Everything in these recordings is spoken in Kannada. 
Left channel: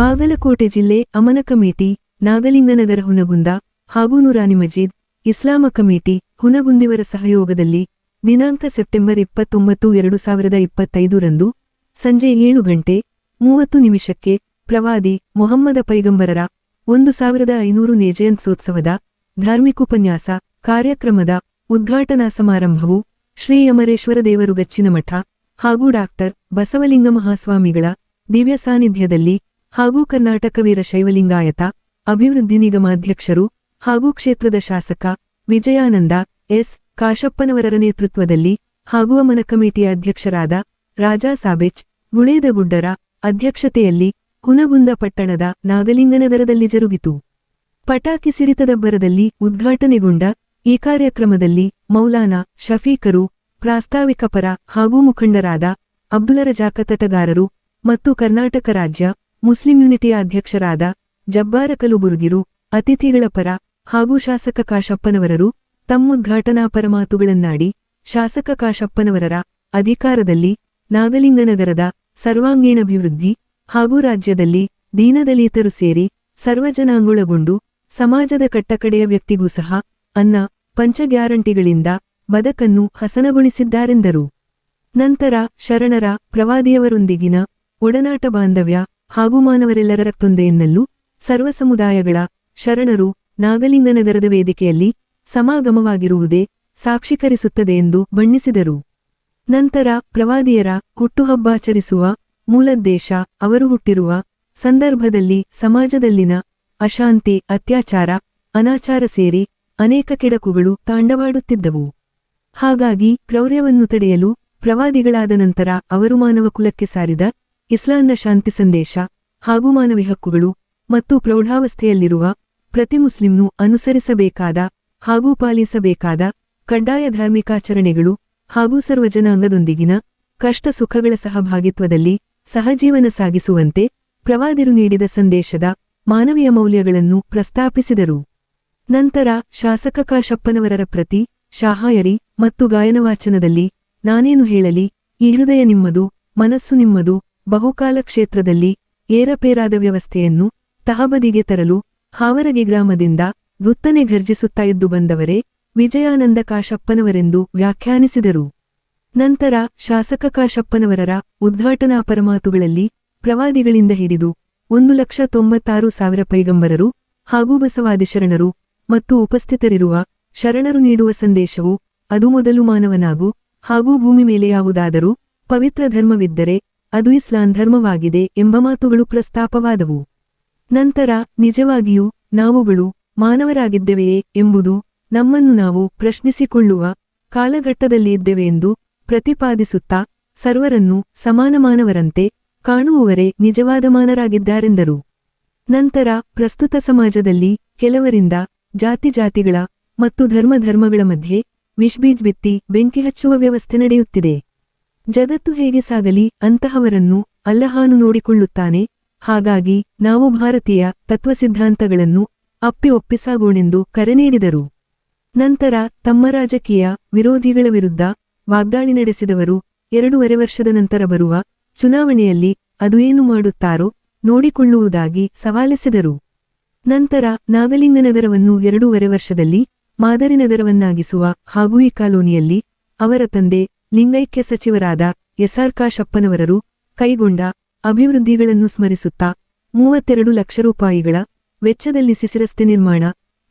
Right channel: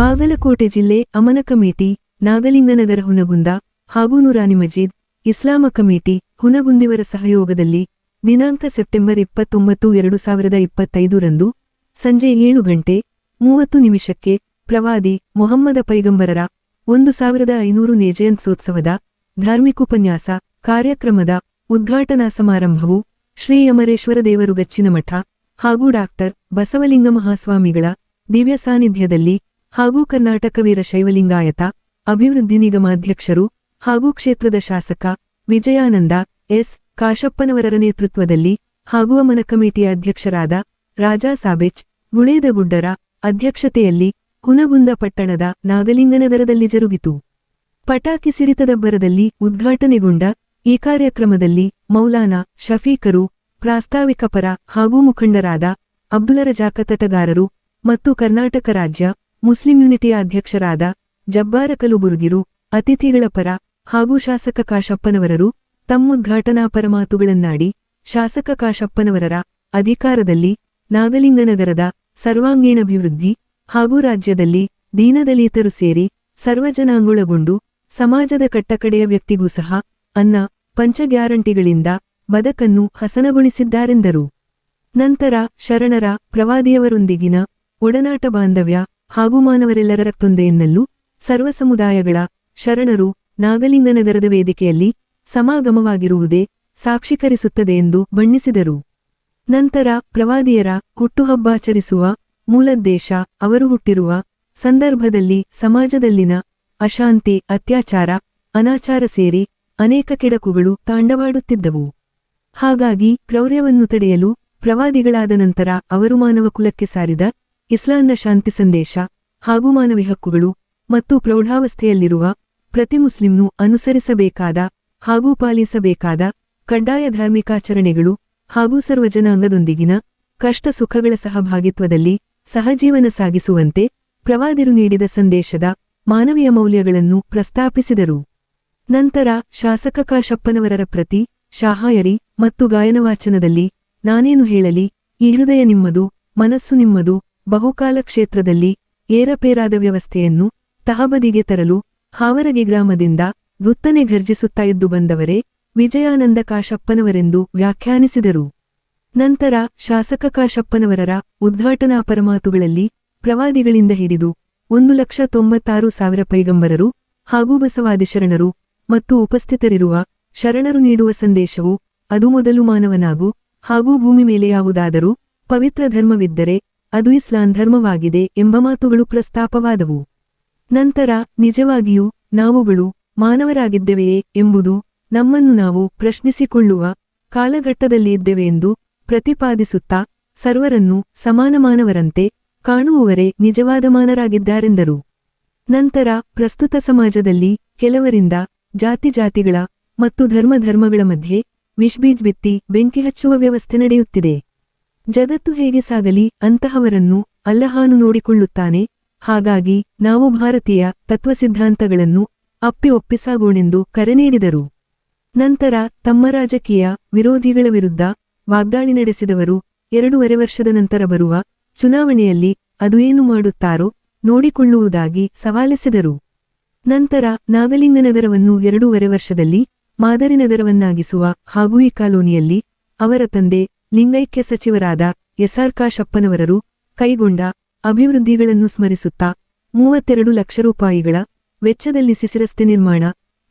ಬಾಗಲಕೋಟೆ ಜಿಲ್ಲೆ ಅಮನ ಕಮಿಟಿ ನಾಗಲಿಂಗನಗರ ಹುನಗುಂದ ಹಾಗೂ ನೂರಾನಿ ಮಜೀದ್ ಇಸ್ಲಾಮ ಕಮಿಟಿ ಹುನಗುಂದಿವರ ಸಹಯೋಗದಲ್ಲಿ ದಿನಾಂಕ ಸೆಪ್ಟೆಂಬರ್ 29, 2025 ರಂದು ಸಂಜೆ 7:30 ಪ್ರವಾದಿ ಮೊಹಮ್ಮದ ಪೈಗಂಬರರ 1500 ನೇ ಜಯಂತ್ಯೋತ್ಸವದ ಧಾರ್ಮಿಕೋಪನ್ಯಾಸ ಕಾರ್ಯಕ್ರಮದ ಉದ್ಘಾಟನಾ ಸಮಾರಂಭವು ಶ್ರೀ ಅಮರೇಶ್ವರ ದೇವರು ಗಚ್ಚಿನಮಠ ಹಾಗೂ ಡಾಕ್ಟರ್ ಬಸವಲಿಂಗ ಮಹಾಸ್ವಾಮಿಗಳ ದಿವ್ಯ ಸಾನ್ನಿಧ್ಯದಲ್ಲಿ ಹಾಗೂ ಕರ್ನಾಟಕ ವೀರಶೈವಲಿಂಗಾಯತ ಅಭಿವೃದ್ಧಿ ನಿಗಮಾಧ್ಯಕ್ಷರು ಹಾಗೂ ಕ್ಷೇತ್ರದ ಶಾಸಕ ವಿಜಯಾನಂದ ಎಸ್ ಕಾಶಪ್ಪನವರರ ನೇತೃತ್ವದಲ್ಲಿ ಹಾಗೂ ಅಮನ ಕಮಿಟಿಯ ಅಧ್ಯಕ್ಷರಾದ ರಾಜಾ ಸಾಬೆಚ್ ಗುಳೇದಗುಡ್ಡರ ಅಧ್ಯಕ್ಷತೆಯಲ್ಲಿ ಹುನಗುಂದ ಪಟ್ಟಣದ ನಾಗಲಿಂಗನಗರದಲ್ಲಿ ಜರುಗಿತು. ಪಟಾಕಿ ಸಿಡಿತದಬ್ಬರದಲ್ಲಿ ಉದ್ಘಾಟನೆಗೊಂಡ ಈ ಕಾರ್ಯಕ್ರಮದಲ್ಲಿ ಮೌಲಾನಾ ಶಫೀಕರು, ಪ್ರಾಸ್ತಾವಿಕ ಪರ ಹಾಗೂ ಮುಖಂಡರಾದ ಅಬ್ದುಲ್ ರಜಾಕ್ ತಟಗಾರರು ಮತ್ತು ಕರ್ನಾಟಕ ರಾಜ್ಯ ಮುಸ್ಲಿಂ ಯೂನಿಟಿಯ ಅಧ್ಯಕ್ಷರಾದ ಜಬ್ಬಾರ ಕಲುಬುರ್ಗಿರು ಅತಿಥಿಗಳ ಪರ ಹಾಗೂ ಶಾಸಕ ಕಾಶಪ್ಪನವರರು ತಮ್ಮುದ್ಘಾಟನಾ ಪರಮಾತುಗಳನ್ನಾಡಿ ಶಾಸಕ ಕಾಶಪ್ಪನವರರ ಅಧಿಕಾರದಲ್ಲಿ ನಾಗಲಿಂಗನಗರದ ಸರ್ವಾಂಗೀಣಾಭಿವೃದ್ಧಿ ಹಾಗೂ ರಾಜ್ಯದಲ್ಲಿ ದೀನದಲಿತರು ಸೇರಿ ಸರ್ವಜನಾಂಗೊಳಗೊಂಡು ಸಮಾಜದ ಕಟ್ಟಕಡೆಯ ವ್ಯಕ್ತಿಗೂ ಸಹ ಅನ್ನ ಪಂಚ ಗ್ಯಾರಂಟಿಗಳಿಂದ ಬದುಕನ್ನು ಹಸನಗೊಳಿಸಿದ್ದಾರೆಂದರು. ನಂತರ ಶರಣರ ಪ್ರವಾದಿಯವರೊಂದಿಗಿನ ಒಡನಾಟ ಬಾಂಧವ್ಯ ಹಾಗೂ ಮಾನವರೆಲ್ಲರ ತೊಂದೆಯನ್ನಲ್ಲೂ ಸರ್ವ ಸಮುದಾಯಗಳ ಶರಣರು ನಾಗಲಿಂಗನಗರದ ವೇದಿಕೆಯಲ್ಲಿ ಸಮಾಗಮವಾಗಿರುವುದೇ ಸಾಕ್ಷೀಕರಿಸುತ್ತದೆ ಎಂದು ಬಣ್ಣಿಸಿದರು. ನಂತರ ಪ್ರವಾದಿಯರ ಹುಟ್ಟುಹಬ್ಬಾಚರಿಸುವ ಮೂಲೋದ್ದೇಶ ಅವರು ಹುಟ್ಟಿರುವ ಸಂದರ್ಭದಲ್ಲಿ ಸಮಾಜದಲ್ಲಿನ ಅಶಾಂತಿ, ಅತ್ಯಾಚಾರ, ಅನಾಚಾರ ಸೇರಿ ಅನೇಕ ಕೆಡಕುಗಳು ತಾಂಡವಾಡುತ್ತಿದ್ದವು. ಹಾಗಾಗಿ ಕ್ರೌರ್ಯವನ್ನು ತಡೆಯಲು ಪ್ರವಾದಿಗಳಾದ ನಂತರ ಅವರು ಮಾನವ ಕುಲಕ್ಕೆ ಸಾರಿದ ಇಸ್ಲಾಂನ ಶಾಂತಿ ಸಂದೇಶ ಹಾಗೂ ಮಾನವಿ ಹಕ್ಕುಗಳು ಮತ್ತು ಪ್ರೌಢಾವಸ್ಥೆಯಲ್ಲಿರುವ ಪ್ರತಿ ಮುಸ್ಲಿಂನು ಅನುಸರಿಸಬೇಕಾದ ಹಾಗೂ ಪಾಲಿಸಬೇಕಾದ ಕಡ್ಡಾಯ ಧಾರ್ಮಿಕಾಚರಣೆಗಳು ಹಾಗೂ ಸರ್ವಜನಾಂಗದೊಂದಿಗಿನ ಕಷ್ಟ ಸುಖಗಳ ಸಹಭಾಗಿತ್ವದಲ್ಲಿ ಸಹಜೀವನ ಸಾಗಿಸುವಂತೆ ಪ್ರವಾದಿರು ನೀಡಿದ ಸಂದೇಶದ ಮಾನವೀಯ ಮೌಲ್ಯಗಳನ್ನು ಪ್ರಸ್ತಾಪಿಸಿದರು. ನಂತರ ಶಾಸಕ ಕಾಶಪ್ಪನವರರ ಪ್ರತಿ ಶಾಹಾಯರಿ ಮತ್ತು ಗಾಯನವಾಚನದಲ್ಲಿ ನಾನೇನು ಹೇಳಲಿ, ಈ ಹೃದಯ ನಿಮ್ಮದು, ಮನಸ್ಸು ನಿಮ್ಮದು, ಬಹುಕಾಲ ಕ್ಷೇತ್ರದಲ್ಲಿ ಏರಪೇರಾದ ವ್ಯವಸ್ಥೆಯನ್ನು ತಹಬದಿಗೆ ತರಲು ಹಾವರಗಿ ಗ್ರಾಮದಿಂದ ಗುತ್ತನೆ ಘರ್ಜಿಸುತ್ತಾ ಇದ್ದು ಬಂದವರೇ ವಿಜಯಾನಂದ ಕಾಶಪ್ಪನವರೆಂದು ವ್ಯಾಖ್ಯಾನಿಸಿದರು. ನಂತರ ಶಾಸಕ ಕಾಶಪ್ಪನವರರ ಉದ್ಘಾಟನಾ ಪರಮಾತುಗಳಲ್ಲಿ ಪ್ರವಾದಿಗಳಿಂದ ಹಿಡಿದು 1,96,000 ಪೈಗಂಬರರು ಹಾಗೂ ಬಸವಾದಿ ಶರಣರು ಮತ್ತು ಉಪಸ್ಥಿತರಿರುವ ಶರಣರು ನೀಡುವ ಸಂದೇಶವು ಅದು ಮೊದಲು ಮಾನವನಾಗು ಹಾಗೂ ಭೂಮಿ ಮೇಲೆ ಯಾವುದಾದರೂ ಪವಿತ್ರ ಧರ್ಮವಿದ್ದರೆ ಅದು ಇಸ್ಲಾಂ ಧರ್ಮವಾಗಿದೆ ಎಂಬ ಮಾತುಗಳು ಪ್ರಸ್ತಾಪವಾದವು. ನಂತರ ನಿಜವಾಗಿಯೂ ನಾವುಗಳು ಮಾನವರಾಗಿದ್ದೆವೆಯೇ ಎಂಬುದು ನಮ್ಮನ್ನು ನಾವು ಪ್ರಶ್ನಿಸಿಕೊಳ್ಳುವ ಕಾಲಘಟ್ಟದಲ್ಲಿ ಇದ್ದೆವೆಂದು ಪ್ರತಿಪಾದಿಸುತ್ತಾ ಸರ್ವರನ್ನೂ ಸಮಾನ ಮಾನವರಂತೆ ಕಾಣುವವರೇ ನಿಜವಾದ ಮಾನರಾಗಿದ್ದಾರೆಂದರು. ನಂತರ ಪ್ರಸ್ತುತ ಸಮಾಜದಲ್ಲಿ ಕೆಲವರಿಂದ ಜಾತಿಗಳ ಮತ್ತು ಧರ್ಮಗಳ ಮಧ್ಯೆ ವಿಷ್ಬೀಜ್ ಬಿತ್ತಿ ಬೆಂಕಿ ಹಚ್ಚುವ ವ್ಯವಸ್ಥೆ ನಡೆಯುತ್ತಿದೆ. ಜಗತ್ತು ಹೇಗೆ ಸಾಗಲಿ ಅಂತಹವರನ್ನು ಅಲ್ಲಹಾನು ನೋಡಿಕೊಳ್ಳುತ್ತಾನೆ. ಹಾಗಾಗಿ ನಾವು ಭಾರತೀಯ ತತ್ವಸಿದ್ಧಾಂತಗಳನ್ನು ಒಪ್ಪಿಸಾಗೋಣೆಂದು ಕರೆ ನೀಡಿದರು. ನಂತರ ತಮ್ಮ ರಾಜಕೀಯ ವಿರೋಧಿಗಳ ವಿರುದ್ಧ ವಾಗ್ದಾಳಿ ನಡೆಸಿದವರು 2.5 ವರ್ಷದ ನಂತರ ಬರುವ ಚುನಾವಣೆಯಲ್ಲಿ ಅದು ಏನು ಮಾಡುತ್ತಾರೋ ನೋಡಿಕೊಳ್ಳುವುದಾಗಿ ಸವಾಲೆಸೆದರು. ನಂತರ ನಾಗಲಿಂಗನಗರವನ್ನು 2.5 ವರ್ಷದಲ್ಲಿ ಮಾದರಿ ನಗರವನ್ನಾಗಿಸುವ ಹಾಗೂ ಈ ಕಾಲೋನಿಯಲ್ಲಿ ಅವರ ತಂದೆ ಲಿಂಗೈಕ್ಯ ಸಚಿವರಾದ ಎಸ್.ಆರ್. ಕಾಶಪ್ಪನವರರು ಕೈಗೊಂಡ ಅಭಿವೃದ್ಧಿಗಳನ್ನು ಸ್ಮರಿಸುತ್ತಾ 32 ಲಕ್ಷ ರೂಪಾಯಿಗಳ ವೆಚ್ಚದಲ್ಲಿ ಸಿಸಿರಸ್ತೆ ನಿರ್ಮಾಣ,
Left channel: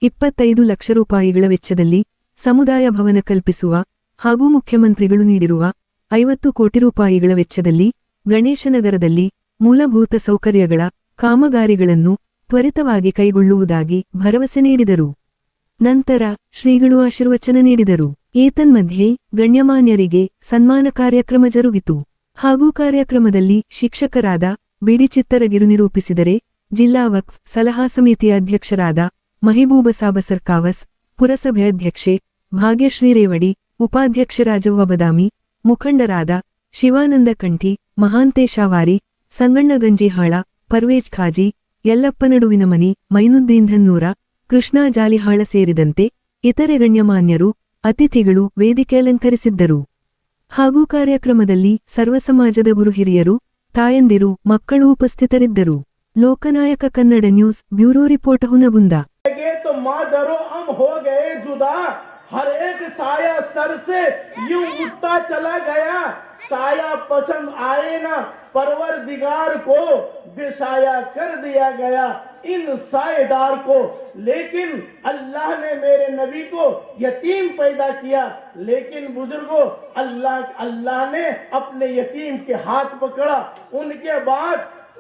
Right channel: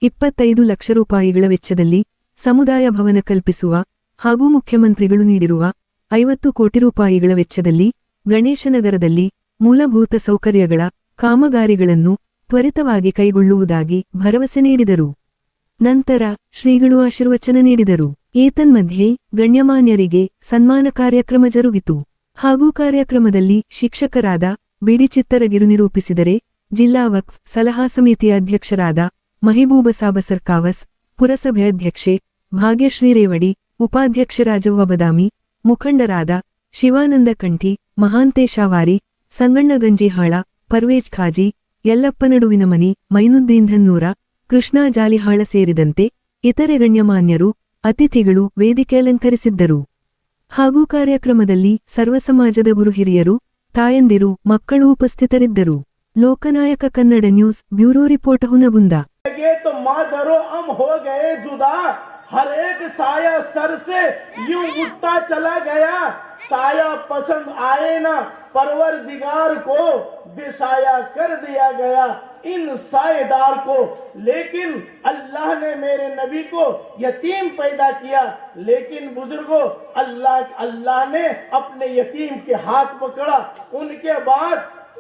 25 ಲಕ್ಷ ರೂಪಾಯಿಗಳ ವೆಚ್ಚದಲ್ಲಿ ಸಮುದಾಯ ಭವನ ಕಲ್ಪಿಸುವ ಹಾಗೂ ಮುಖ್ಯಮಂತ್ರಿಗಳು ನೀಡಿರುವ 50 ಕೋಟಿ ರೂಪಾಯಿಗಳ ವೆಚ್ಚದಲ್ಲಿ ಗಣೇಶನಗರದಲ್ಲಿ ಮೂಲಭೂತ ಸೌಕರ್ಯಗಳ ಕಾಮಗಾರಿಗಳನ್ನು ತ್ವರಿತವಾಗಿ ಕೈಗೊಳ್ಳುವುದಾಗಿ ಭರವಸೆ ನೀಡಿದರು. ನಂತರ ಶ್ರೀಗಳು ಆಶೀರ್ವಚನ ನೀಡಿದರು. ಏತನ್ಮಧ್ಯೆ ಗಣ್ಯಮಾನ್ಯರಿಗೆ ಸನ್ಮಾನ ಕಾರ್ಯಕ್ರಮ ಜರುಗಿತು. ಹಾಗೂ ಕಾರ್ಯಕ್ರಮದಲ್ಲಿ ಶಿಕ್ಷಕರಾದ ಬಿಡಿ ಚಿತ್ತರಗಿರು ನಿರೂಪಿಸಿದರೆ, ಜಿಲ್ಲಾ ವಕ್ಫ್ ಸಲಹಾ ಸಮಿತಿಯ ಅಧ್ಯಕ್ಷರಾದ ಮಹಿಬೂಬ ಸಾಬ ಸರ್ಕಾವಸ್, ಪುರಸಭೆ ಅಧ್ಯಕ್ಷೆ ಭಾಗ್ಯಶ್ರೀ ರೇವಡಿ, ಉಪಾಧ್ಯಕ್ಷ ರಾಜವ್ವ ಬದಾಮಿ, ಮುಖಂಡರಾದ ಶಿವಾನಂದ ಕಂಠಿ, ಮಹಾಂತೇಶಾವಾರಿ, ಸಂಗಣ್ಣ ಗಂಜಿಹಾಳ, ಪರ್ವೇಜ್ ಖಾಜಿ, ಯಲ್ಲಪ್ಪ ನಡುವಿನಮನಿ, ಮೈನುದ್ದೀನ್ ಧನ್ನೂರ, ಕೃಷ್ಣಾ ಜಾಲಿಹಾಳ ಸೇರಿದಂತೆ ಇತರೆ ಗಣ್ಯಮಾನ್ಯರು ಅತಿಥಿಗಳು ವೇದಿಕೆ ಅಲಂಕರಿಸಿದ್ದರು. ಹಾಗೂ ಕಾರ್ಯಕ್ರಮದಲ್ಲಿ ಸರ್ವ ಸಮಾಜದ ಗುರು ಹಿರಿಯರು, ತಾಯಂದಿರು, ಮಕ್ಕಳು ಉಪಸ್ಥಿತರಿದ್ದರು. Lokanayaka Kannada news bureau report Hungund. तो मादरो हम हो गए जुदा, हर एक साया सर से यूं उठता चला गया, साया पसंद आए ना परवरदिगार को बेसाया कर दिया गया इन सायेदार को। लेकिन अल्लाह ने मेरे नबी को यतीम पैदा किया, लेकिन बुजुर्गों अल्लाह ने अपने यतीम के हाथ पकड़ा, उनके बाद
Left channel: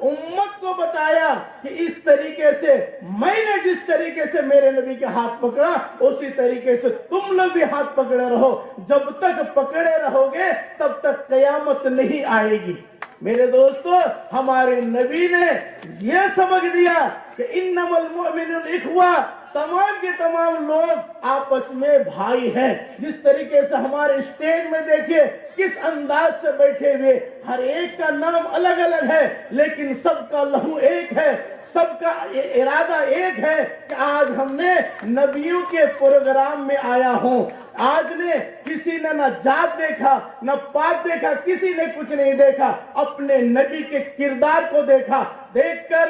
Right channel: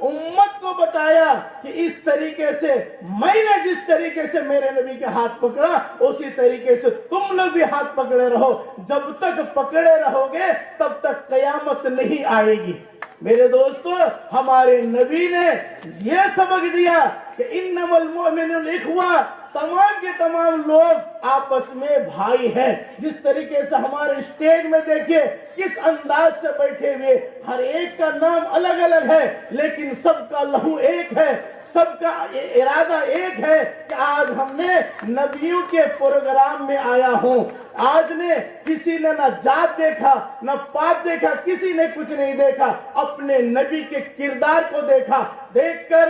उम्मत को बताया कि इस तरीके से मैंने जिस तरीके से मेरे नबी के हाथ पकड़ा उसी तरीके से तुम लोग भी हाथ पकड़े रहो। जब तक पकड़े रहोगे तब तक कयामत नहीं आएगी। मेरे दोस्तों, हमारे नबी ने यह सबक दिया कि इन्नमल मुमिनुन इख्वा, तमाम के तमाम लोग आपस में भाई हैं। जिस तरीके से हमारे स्टेज में देखिए किस अंदाज से बैठे हुए, हर एक का नाम अलग अलग है लेकिन सबका लहू एक है, सबका इरादा एक है कि आज हमने नबियों के प्रोग्राम में आया हूँ। आज ने किसी ने न जात देखा न पात देखा, किसी ने कुछ नहीं देखा, अपने नबी के किरदार को देखा। देखकर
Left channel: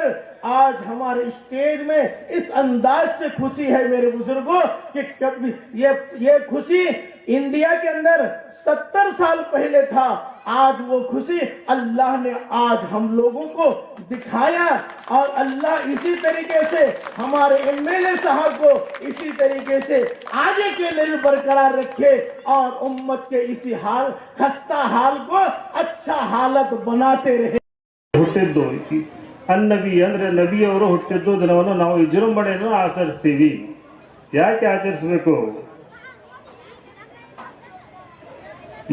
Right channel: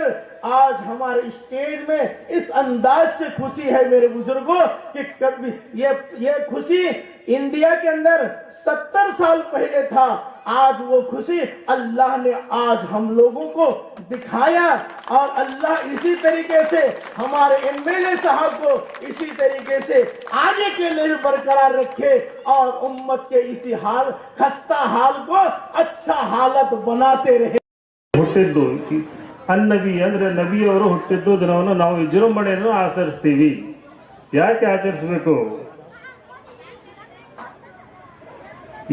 आज हमारे स्टेज में इस अंदाज से खुशी है मेरे बुजुर्गों कि कभी ये खुशी इंडिया के अंदर 70 साल पहले था, आज वो खुशी अल्लाह ने आज हम लोगों को दिखाया। और अल्लाह इसी तरीके से हमारे एमएलए साहब को इसी तरीके से आगे के लिए बरकरार रखे और उम्मत के इसी हाल खस्ता हाल को अच्छा हालत बनाते रहे। ಹುಟ್ಟಿದ್ದು ಅನ್ನಬಿ ಅಂದ್ರೆ ನಬಿಯವರು ಹುಟ್ಟಿದ್ದು ದಿನವನ್ನು ನಾವು ವಿಜೃಂಭಣೆಯನ್ನು ಆಚರಿಸ್ತೀವಿ. ಯಾಕೆ ಆಚರಿಸಬೇಕು?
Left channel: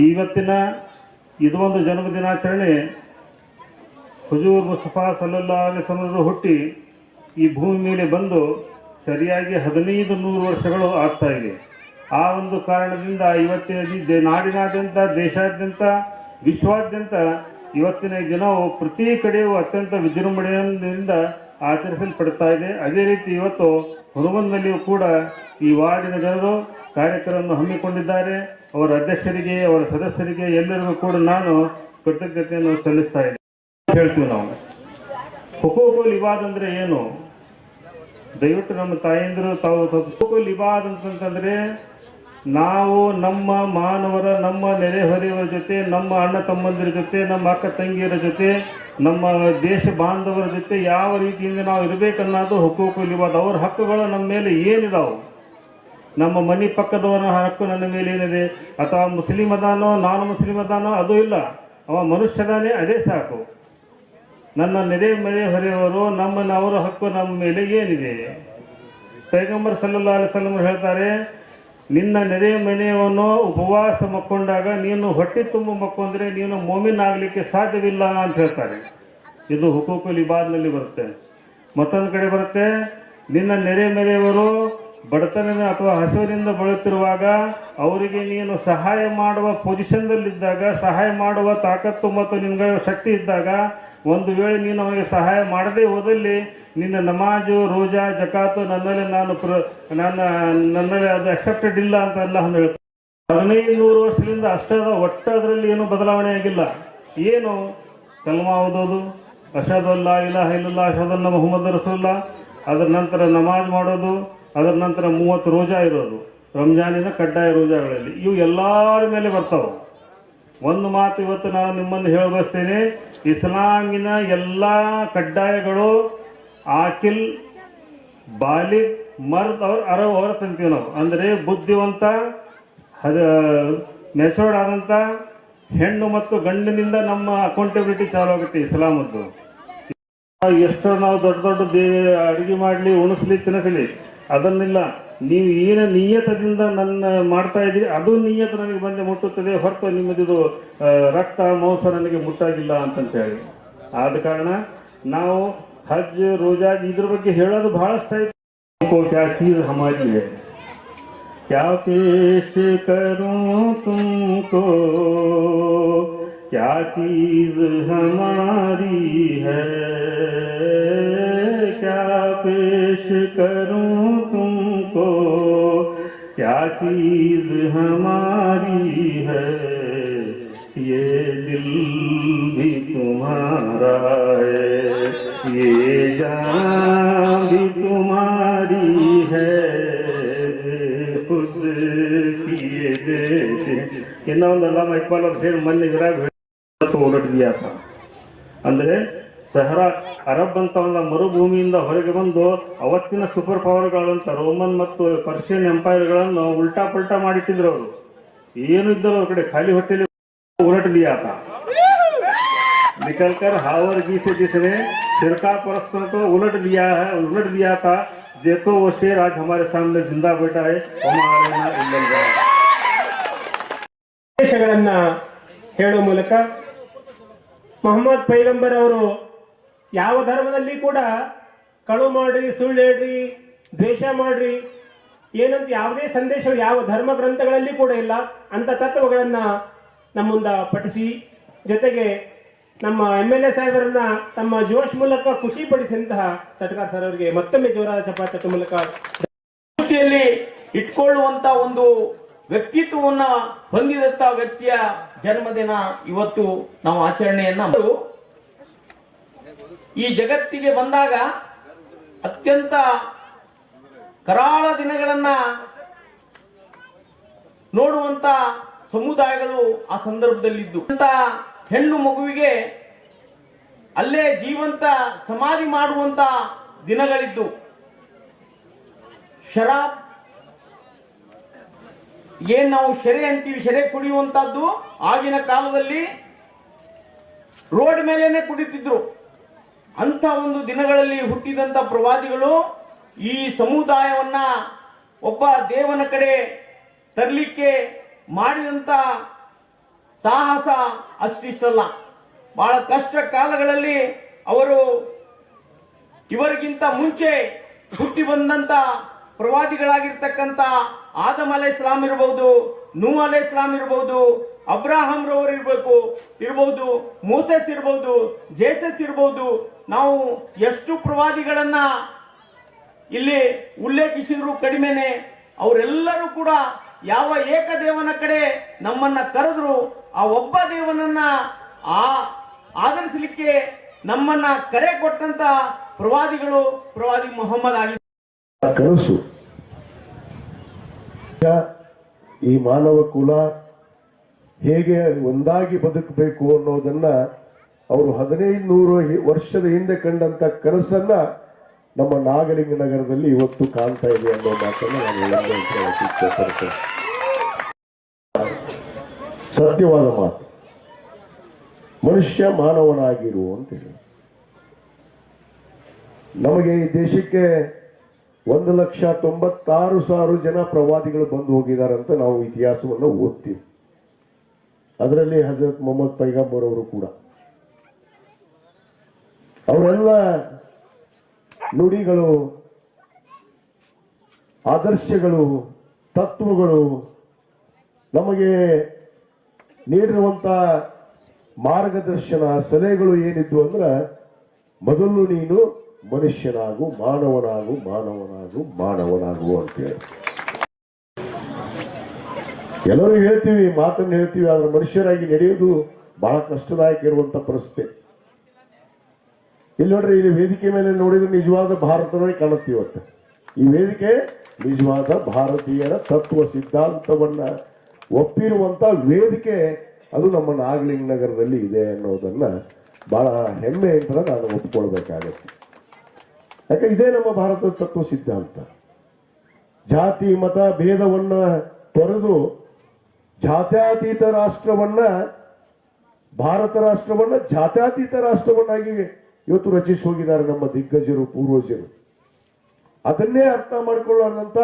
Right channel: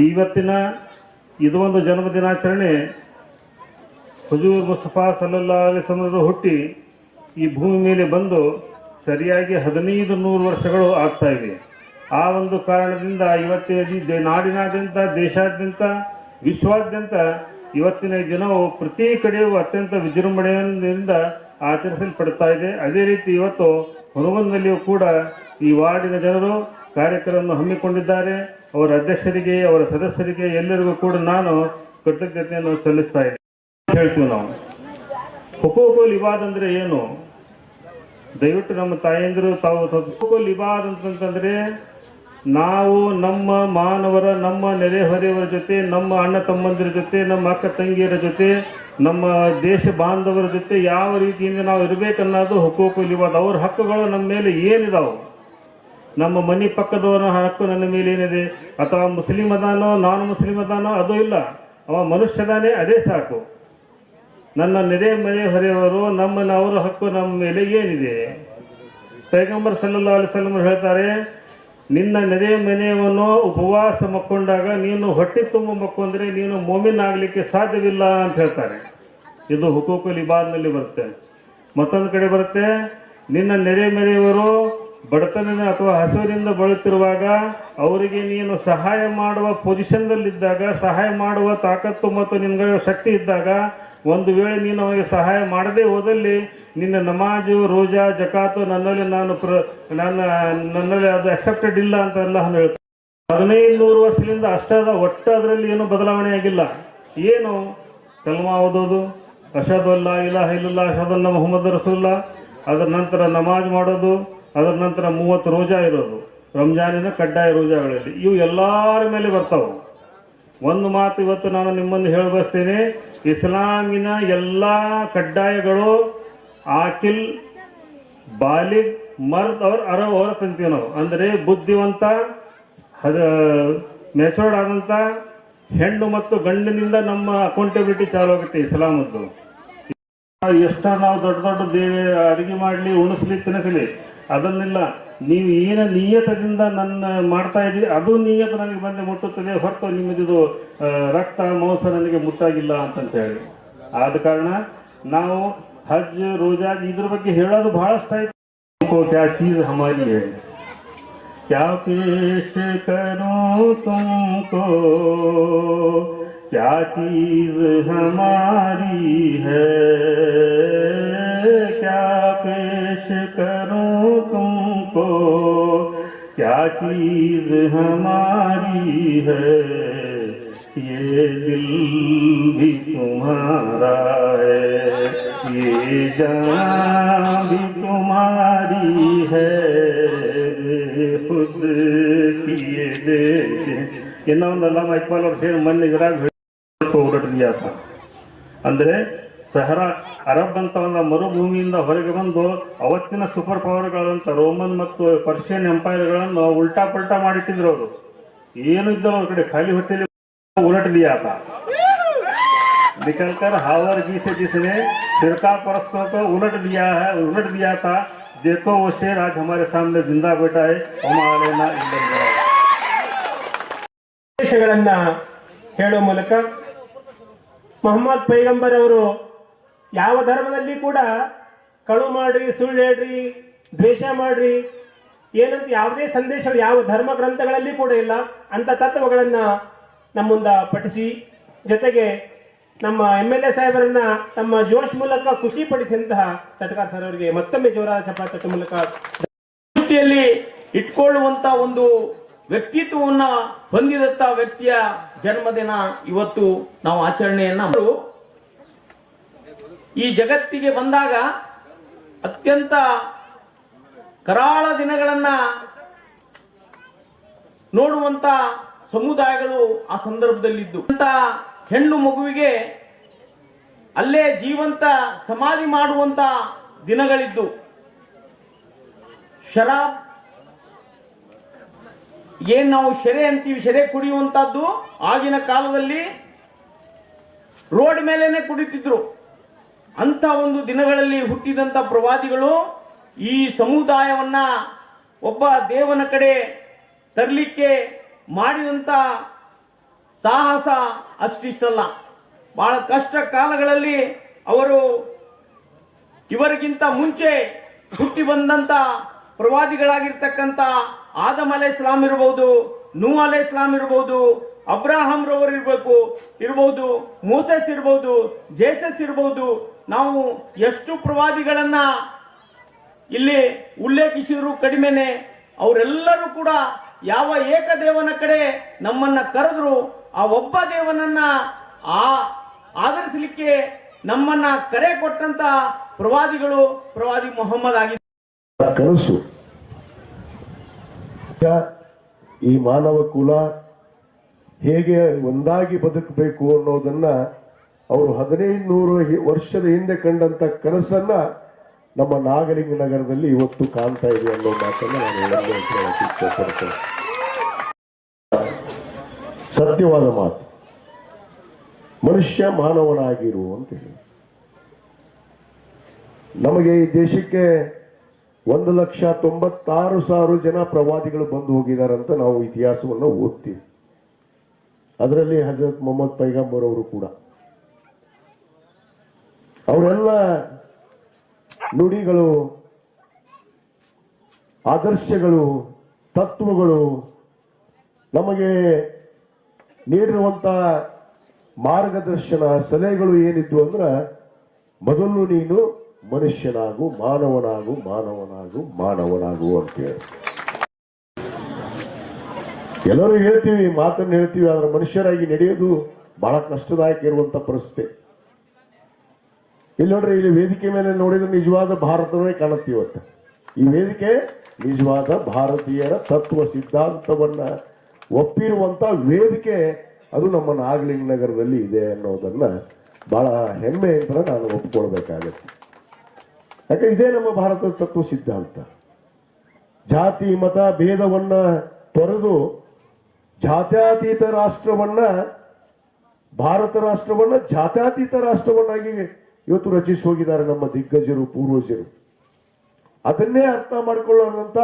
ಇವತ್ತಿನ ಇದು ಒಂದು ಜನ್ಮ ದಿನಾಚರಣೆ ಹುಜೂರ್ ಮುಸ್ತಫಾ ಸಲ್ಲಲ್ಲಾಹು ಅಲೈಹಿ ವಸಲ್ಲಂ ಹುಟ್ಟಿ ಈ ಭೂಮಿ ಮೇಲೆ ಬಂದು ಸರಿಯಾಗಿ 1500 ವರ್ಷಗಳು ಆಗ್ತಾ ಇವೆ. ಆ ಒಂದು ಕಾರಣದಿಂದ ಇವತ್ತಿನ ನಾಡಿನಾದ್ಯಂತ, ದೇಶಾದ್ಯಂತ, ವಿಶ್ವಾದ್ಯಂತ ಇವತ್ತಿನ ದಿನವು ಪ್ರತಿ ಕಡೆಯೂ ಅತ್ಯಂತ ವಿಜೃಂಭಣೆಯಿಂದ ಆಚರಿಸಲ್ಪಡ್ತಾ ಇದೆ. ಅದೇ ರೀತಿ ಇವತ್ತು ಹುನಗುಂದದಲ್ಲಿಯೂ ಕೂಡ ಈ ವಾರ್ಡಿನ ಜನರು ಕಾರ್ಯಕ್ರಮವನ್ನು ಹಮ್ಮಿಕೊಂಡಿದ್ದಾರೆ. ಅವರ ಅಧ್ಯಕ್ಷರಿಗೆ, ಅವರ ಸದಸ್ಯರಿಗೆ ಎಲ್ಲರಿಗೂ ಕೂಡ ನಾನು ಕೃತಜ್ಞತೆಯನ್ನು ಸಲ್ಲಿಸ್ತಾ ಇದ್ದೇನೆ. ಹೇಳ್ತೀವಿ ನಾವು ಹುಕೂಕುಲ್ ಇಬಾದ್ ಅಂದ್ರೆ ಏನು? ದಯವಿಟ್ಟು ನಮ್ಮ ತಾಯಂದಿರು ತಾವು ಹುಕೂಕುಲ್ ಇಬಾದ್ ಅಂತಂದ್ರೆ ನಾವು ನಮ್ಮ ಮಾನವರ, ನಮ್ಮ ನೆರೆಹೊರೆಯವರ ಜೊತೆ, ನಮ್ಮ ಅಣ್ಣ ತಮ್ಮಂದಿರ ಜೊತೆ, ನಮ್ಮ ಅಕ್ಕ ತಂಗಿಯರ ಜೊತೆ, ನಮ್ಮ ದೇಶ ಬಾಂಧವರ ಜೊತೆ ಯಾವ ರೀತಿಯಿಂದ ನಾವು ಇರಬೇಕನ್ನೋದು ಹುಕೂಕುಲ್ ಇಬಾದ್. ಅವ್ರ ಹಕ್ಕುಗಳು ನಮ್ಮ ಮೇಲೆ ಏನಿದಾವೆ, ನಮ್ಮ ಮನೆ ಪಕ್ಕದವರ ಹಕ್ಕು ನನ್ನ ಮೇಲೆ ಏನಿದೆ, ಅಥವಾ ಮುಸ್ಲಿಂ ಅದಾನೋ ನಾನು ಮುಸ್ಲಿಂ ಅದಾನೋ ಅದು ಇಲ್ಲ, ಅವ ಮನುಷ್ಯದಾನೆ, ಅದೇ ಸಾಕು. ನನ್ನ ನೆರೆಹೊರೆಯವರು ಅವರ ಹಕ್ಕು ನಮ್ಮ ಮೇಲೆ ಏನಿದೆ? ಪೈಗಂಬರ್ ಸಲ್ಲಲ್ಲಾಹು ಅಲೈಹಿ ವಸಲ್ಲಂ ಹೇಳ್ತಾರೆ, ನಿನ್ನ ನೆರೆ ಮನೆಯವನು ಉಪವಾಸ ಮಕ್ಕೊಂಡಾಗ ನೀನು ಹೊಟ್ಟೆ ತುಂಬ ಮಕ್ಕೊಂಡ್ರೆ ನೀನು ಮೋಮಿನ್ ಆಗಲಿಕ್ಕೆ ಸಾಧ್ಯವಿಲ್ಲ ಅಂತ ಹೇಳ್ತಾರೆ. ಇದು ಹುಕೂಕುಲ್ ಇಬಾದ್ನಲ್ಲಿ ಬರುತ್ತೆ. ಮತ್ತೊಂದು ಕಡೆ ಬರುತ್ತೆ, ನಿನ್ನ ನೆರೆ ಮನೆಯವರು ಬಡತನ ಅಥವಾ ಹಸಿವಿನಿಂದ ಬಳಲುತ್ತಿರುವಾಗ ಅವರಿಗೆ ನೀನು ಸಹಾಯ ಮಾಡುವ ಪೊಸಿಷನ್ದಲ್ಲಿದ್ದಾಗ, ಸಹಾಯ ಮಾಡುವ ತಾಕತ್ತು ಮತ್ತು ನಿನ್ನ ಶಕ್ತಿ ಇದ್ದಾಗ, ಒಂದು ವೇಳೆ ನೀನು ಅವರಿಗೆ ಸಹಾಯ ಮಾಡದೇ ಹೋದಲ್ಲಿ ನಿನ್ನ ನಮಾಜು, ರೋಜಾ, ಜಕಾತು ನನ್ನಲ್ಲಿ ಅದು ಅಕ್ಸೆಪ್ಟೆಡ್ ಇಲ್ಲ ಅಂತ ಅಲ್ಲಾಹ್ ಹೇಳ್ತಾರೆ. 1500 ವರ್ಷದಿಂದ ಅಷ್ಟಾದ ಒಟ್ಟು ಅದರಲ್ಲಿ ಏನು ಬದಲಾವಣೆ ಆಗಿಲ್ಲ. ಏನು? ಕಲ್ಮಾ ಓದೋದು, ಅಷಹದು ಅಲ್ಲಾ ಇಲಾಹ ಇಲ್ಲಲ್ಲಾಹ್ ಅಷಹದು ಅನ್ನ ಮುಹಮ್ಮದ್ ರಸೂಲುಲ್ಲಾಹ್, ಅದರ ನಂತರ ನಮಾಜ್ ಮಾಡೋದು, ಅದರ ನಂತರ 30 ರೋಜಾ ಇರೋದು, ರಂಜಾನಿನ ಕಡ್ಡಾಯ ರೋಜಾಗಳಲ್ಲಿ, ಇವು ಎಲ್ಲರ ಮೇಲೆ ಬರ್ತಾವೆ. ಒಂದು ಮಾತು ಇವತ್ತು ನಾನು ನಿಮ್ಮನ್ನು ಹೇಳಬಯಸ್ತೇನೆ, ಇಸ್ಲಾಮಿನ ಎಲ್ಲ ಕಡ್ಡಾಯಗಳು ಆಕಿಲ್, ಬಾಲಿಗ್, ಮರ್ದ್ ಅವ್ರ ಅರಬ್ ಅವರ ತಂತೀವಿ ನಾವು. ಅಂದರೆ ಬುದ್ಧಿವಂತ, ಮೆಚೂರ್ಡ್ ಆದಂಥ ಹೆಣ್ಣು ಮತ್ತು ಗಂಡಿನಿಂದ ನಮ್ಮ ಅಕೌಂಟಬಿಲಿಟಿ ಚಾಲು ಆಗುತ್ತೆ ಇಸ್ಲಾಮದ್ದು. ಎಷ್ಟೋ ನಾವು ದೊಡ್ಡ ದೊಡ್ಡ ಅಡುಗೆ ಮಾಡಲಿ, ಉಣಿಸ್ಲಿ, ತಿನ್ನಿಸಲಿ, ಅದನ್ನೆಲ್ಲ ನೀವು ಏನು ನಿಯತದಿಂದ ನನ್ನ ಮಾಡ್ತಾ ಇದ್ದೀರಿ ಅದು ನಿಯತ ನನಗೆ ಬಂದು ಮುಟ್ಟುತ್ತದೆ, ಹೊರತು ನಿಮ್ಮದು ರಕ್ತ ಮಾಂಸ ನನಗೆ ಮುಟ್ಟಾಗಿಲ್ಲ ಅಂತಂತ ಹೇಳಿ. ಆದ ಕಾರಣ ನಾವು ಹಜ್, ರೋಜಾ ಇದ್ರ ಬಗ್ಗೆ ಹೇಳೋದು ಬಹಳಷ್ಟು ಆಯ್ತು. ಕ್ಯಾ ಚೀಜ್ ಹಮಾರಿ ಹೈ, ಕ್ಯಾ ಪೇಶ್ ಕರೋ ತುಮ್ಕೋ, ಕ್ಯಾ ಚೀಜ್ ಹಮಾರಿ ಹೈ, ಕ್ಯಾ ಪೇಶ್ ಕರೋ तुमको, क्या चीज हमारी है, ये दिल भी तुम्हारा है, ये जान भी तुम्हारी है खुद किए दे ಇನ್ನೊಂದಲ್ಲ ಇಕ್ಬಾಲ್ ಅವ್ರು ಸೇರಿ ಮೊನ್ನೆ ವಿರಾಗ್ ಹೊರಟಿದ್ಯಾ ಅಂದ್ರೆ ಸಹರಾ ಅರಬ್ ಅಂತ ಒಂದು ಮರುಭೂಮಿಯಿಂದ ಹೊರಗೆ ಬಂದು ಅವತ್ತಿನ ಸೂಪರ್ ಪವರ್ಗಳಂತ ರೋಮನ್ ಮತ್ತು ಪರ್ಷಿಯನ್ ಎಂಪೈರ್ಗಳನ್ನು ಉಲ್ಟಾ ಪಲ್ಟಾ ಮಾಡಿಟ್ಟಿದ್ರು ಅವರು. ಏನು ಇದ್ದರು ಅವ್ರ ಕಡೆ ಖಾಲಿ ಹೊಟ್ಟೆಲಿ उलट दिया था, निकलकर हावरगी से जिसने फिरका परस्तों को उलट दिया था. देखो वो शेर आज हमारे सामने जिंदा बैठा है. ಸಂದೇಶಗಳನ್ನ ಹೇಳುವ ಮೂಲಕ ಮೊಹಮ್ಮದ್ ಪೈಗಂಬರ್ ಅವರು ಯಾವ ಧರ್ಮದಲ್ಲಿ ಕೂಡ ಕಳು ಮಾಡ್ರಿ, ಸುಳ್ಳು ಹೇಳ್ರಿ, ದ್ವೇಷ ಮಾಡ್ರಿ ಏನಂತ ಯಾವುದೇ ಸಂದೇಶ ಯಾವ ಧರ್ಮ ಗ್ರಂಥಗಳಲ್ಲಿ ಕೂಡ ಇಲ್ಲ. ಅಂತ ತತ್ವಗಳನ್ನ ನಮ್ಮ ಮುಂದೆ ಪಠಿಸಿ, ಜೊತೆಗೆ ನಮ್ಮ MLA ಸಾಹೇಬರನ್ನ ತಮ್ಮ ಜೋಶ್ ಮೂಲಕ ಖುಷಿ ಪಡಿಸಿದಂತಹ ತಟಕಾರ್ ಸರ್ ಅವರಿಗೆ ಮತ್ತೊಮ್ಮೆ ಜೋರಾದ ಚಪ್ಪಾಳೆ ಮೂಲಕ ದೃಷ್ಟಿಯಲ್ಲಿ ಇಟ್ಕೊಳ್ಳುವಂತ ಒಂದು ವ್ಯಕ್ತಿತ್ವವನ್ನ ಹೊಂದಿದಂತ ವ್ಯಕ್ತಿಯ ಜನ್ಮದಿನ ಇವತ್ತು ನಾವು ಆಚರಣೆಯನ್ನ ಈ ಜಗತ್ತಿಗೆ ಬಂದಾಗ ಅತ್ಯಂತ ಕರಾಳ ದಿನಗಳನ್ನ ನೋಡುವಂತ ಸಮುದಾಯಗಳು ಆ ಸಂದರ್ಭದಲ್ಲಿದ್ದು ಹೆಣ್ಣು ಮಗುವಿಗೆ ಅಲ್ಲೇ ಜೀವಂತ ಸಮಾಧಿ ಮಾಡುವಂತ ದಿನಗಳಿದ್ದು, ಶರಾಬ್ ಏನ್ ನಾವು ಶೆರೆ ಅಂತೀವಿ, ಶೆರೆ ಕುಡಿಯುವಂತದ್ದು ಆಗಿನ ಕಾಲದಲ್ಲಿ ರೋಡ್ ಮೇಲೇನೆ ಕುಡಿತಿದ್ರು. ಅಂತ ಒಂದು ದಿನಗಳಲ್ಲಿ ಹುಟ್ಟಿದಂತ ಪ್ರವಾದಿಗಳು ಈ ಸಮುದಾಯವನ್ನ ಒಬ್ಬ ದೇವನ ಕಡೆ ತರಲಿಕ್ಕೆ ಮಾಡಿದಂತ ಸಾಹಸ ಅಷ್ಟಿಷ್ಟಲ್ಲ. ಬಹಳ ಕಷ್ಟ ಕಾಲಗಳಲ್ಲಿ ಅವರು ಇವರಿಗಿಂತ ಮುಂಚೆ ಹುಟ್ಟಿ ಬಂದಂತ ಪ್ರವಾದಿಗಳಾಗಿರ್ತಕ್ಕಂಥ ಆದಮ್ ಅಲೈಹಿಸ್ಸಲಾಂ ಇರಬಹುದು, ನೂಹ್ ಅಲೈಹಿಸ್ಸಲಾಂ ಇರಬಹುದು, ಅಬ್ರಾಹಂ ರವರು ಇರಬಹುದು, ಮೋಸೆಸ್ ಇರಬಹುದು, ಜೇಸಸ್ ಇರಬಹುದು. ನಾವು ಎಷ್ಟು ಪ್ರವಾದಿಗಳನ್ನ ಇಲ್ಲಿ ಉಲ್ಲೇಖಿಸಿದ್ರು ಕಡಿಮೆನೆ. ಅವರೆಲ್ಲರೂ ಕೂಡ ಯಾವ ಏಕದೇವನ ಕಡೆ ನಮ್ಮನ್ನ ಕರೆದ್ರು ಆ ಒಬ್ಬ ದೇವನನ್ನ ಆಧರಿಸಲಿಕ್ಕೆ ನಮ್ಮನ್ನ ಕರೆ ಕೊಟ್ಟಂತ ಪ್ರವಾದಿಗಳು ಪ್ರವಾದಿ ಮೊಹಮ್ಮದ್ ಆಗಿ ಕನಸು. ಈ ಮಾನವ ಕುಲ ಹೇಗೆ ಒಂದಾಗಿ ಬದುಕಬೇಕು ಅನ್ನೋದನ್ನ ಅವರು 1500 ವರ್ಷದ ಹಿಂದೆ ಕಂಡಂತ ಕನಸನ್ನ ನಮ್ಮ ನಾಗಲಿಂಗ ನಗರದಲ್ಲಿ ಇವತ್ತು ಕಾಣ್ತಾ ಇದೆ ಅನ್ನೋ ಮಾತನ್ನು ನಾನು ಹೇಳಕ್ಕೆ ಸತ್ಯವಾದ ಮಾತು. ಮನುಷ್ಯ ಮಾನವನಾಗಿರು ಅಂತ ಹೇಳಿ ನಮಗೆ ಈ ದೇಶಕ್ಕೆ 1,96,000 ಜನ ಪ್ರವಾದಿಗಳು ಬಂದು ಹೋಗಿದಾರಂತ ನಾವು ಇತಿಹಾಸವನ್ನು ಓದ್ತೀವಿ. ಅದರಲ್ಲಿ ಹಜರತ್ ಮೊಹಮ್ಮದ್ ಪೈಗಂಬರ್ ಅವರು ಕೂಡ. ಅವರೆಲ್ಲ ನುಡಿಗಳು, ಆದರ್ಶಗಳು, ತತ್ವಗಳು, ನಮಗೆ ನೀಡಿರುವಂತ ಮಾರ್ಗದರ್ಶನ ಸಲಹೆಗಳು ಏನಿದ್ವು ಅಂದ್ರೆ, ಮೊದಲು ನೀನು ಮನುಷ್ಯನಾಗು, ಮಾನವನಾಗು, ಮಾನವನಾಗು, ಮಾನವನಾಗು ಅಂತೇಳಿ ಎಲ್ಲರೂ ಹೇಳ್ತೀವಿ, ಮಾತನ್ನು ಹೇಳ್ತೀವಿ. ಆದ್ರೆ ಮನುಷ್ಯರಾಗಿ ನಡೆಯೋದು ಬಹಳ ಕಷ್ಟದಾಯಕ ಇರುವಂತ ಪರಿಸ್ಥಿತಿ. ಇಲ್ಲಿ ನೋಡ್ರಿ, ಇಲ್ಲಿ ವೇದಿಕೆ ಮೇಲೆ ನೋಡಿದ್ರೆ ನಿಜವಾದ ಭಾರತವೇ ಕಾಣುತ್ತೆ. ಇವತ್ತು ಈ ವೇದಿಕೆ ನಿಜವಾದ ಭಾರತೀಯರ ತತ್ವ ಸಿದ್ಧಾಂತವನ್ನ ಒಪ್ಪಿರುವಂತ ವೇದಿಕೆ. ಅದು ನಮ್ಮ ನಾಗಲಿಂಗ ನಗರದಲ್ಲಿ ಇದೆ ಅನ್ನೋದನ್ನ ಬಹಳ ಹೆಮ್ಮೆ ಅಂತ ನಾನು ಒಪ್ಕೊಳ್ಬೇಕಾಗತ್ತೆ. ಯಾಕೆ ಇದೇ ನಮ್ಮ ಭಾರತದ ತತ್ವ ಸಿದ್ಧಾಂತ. ಜಾತಿ ಮತ ಭೇದವನ್ನ ತೊರೆದು ಜಾತ್ಯತೀತ ರಾಷ್ಟ್ರವನ್ನ, ಭಾರತ ರಾಷ್ಟ್ರವನ್ನ ಜಾತ್ಯತೀತ ರಾಷ್ಟ್ರವನ್ನಾಗಿ ಇವತ್ತು ರಚಿಸಿ ಹೋಗಿದ್ದಾರೆ ನಮ್ಮ ದಿಗ್ಗಜರು, ಪೂರ್ವಜರು. ಅದನ್ನೇ ಅರ್ಥ ಮಾಡಿಕೊಳ್ಳುವಂತ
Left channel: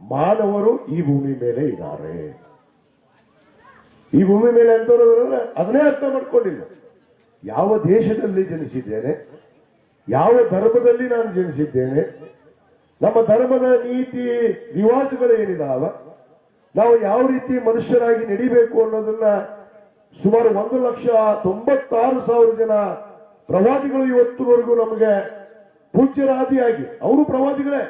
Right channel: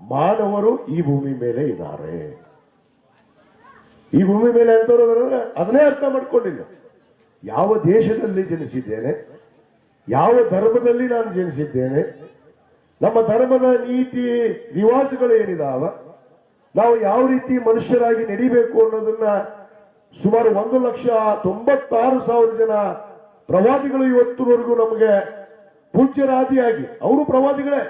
ಮಾನವರು ಈ ಭೂಮಿ ಮೇಲೆ ಇದ್ದಾರೆ. ಈ ಭೂಮಿ ಮೇಲೆ ಎಂತವ್ರಂದ್ರೆ ಅದನ್ನೇ ಅರ್ಥ ಮಾಡ್ಕೊಂಡಿಲ್ಲ. ಯಾವ ದೇಶದಲ್ಲಿ ಜನಿಸಿದ್ದೇನೆ, ಯಾವ ಧರ್ಮದಲ್ಲಿ ನಾನು ಜನಿಸಿದ್ದೇನೆ, ನಮ್ಮ ಧರ್ಮದ ನೀತಿ ರಿವಾಜುಗಳು ಏನಿದಾವ, ನಾವು ಯಾವ ರೀತಿ ಮನುಷ್ಯರಾಗಿ ನಡಿಬೇಕು ಅನ್ನೋದನ್ನ ಸುಮಾರು 1,96,000 ಜನ ಪ್ರವಾದಿಗಳು ಇವತ್ತುವರೆಗೂ ನಮಗೆ ಪೂಜ್ಯರಾದಿಯಾಗಿ, ಅವರು ಪ್ರವಾದಿಗಳೇ,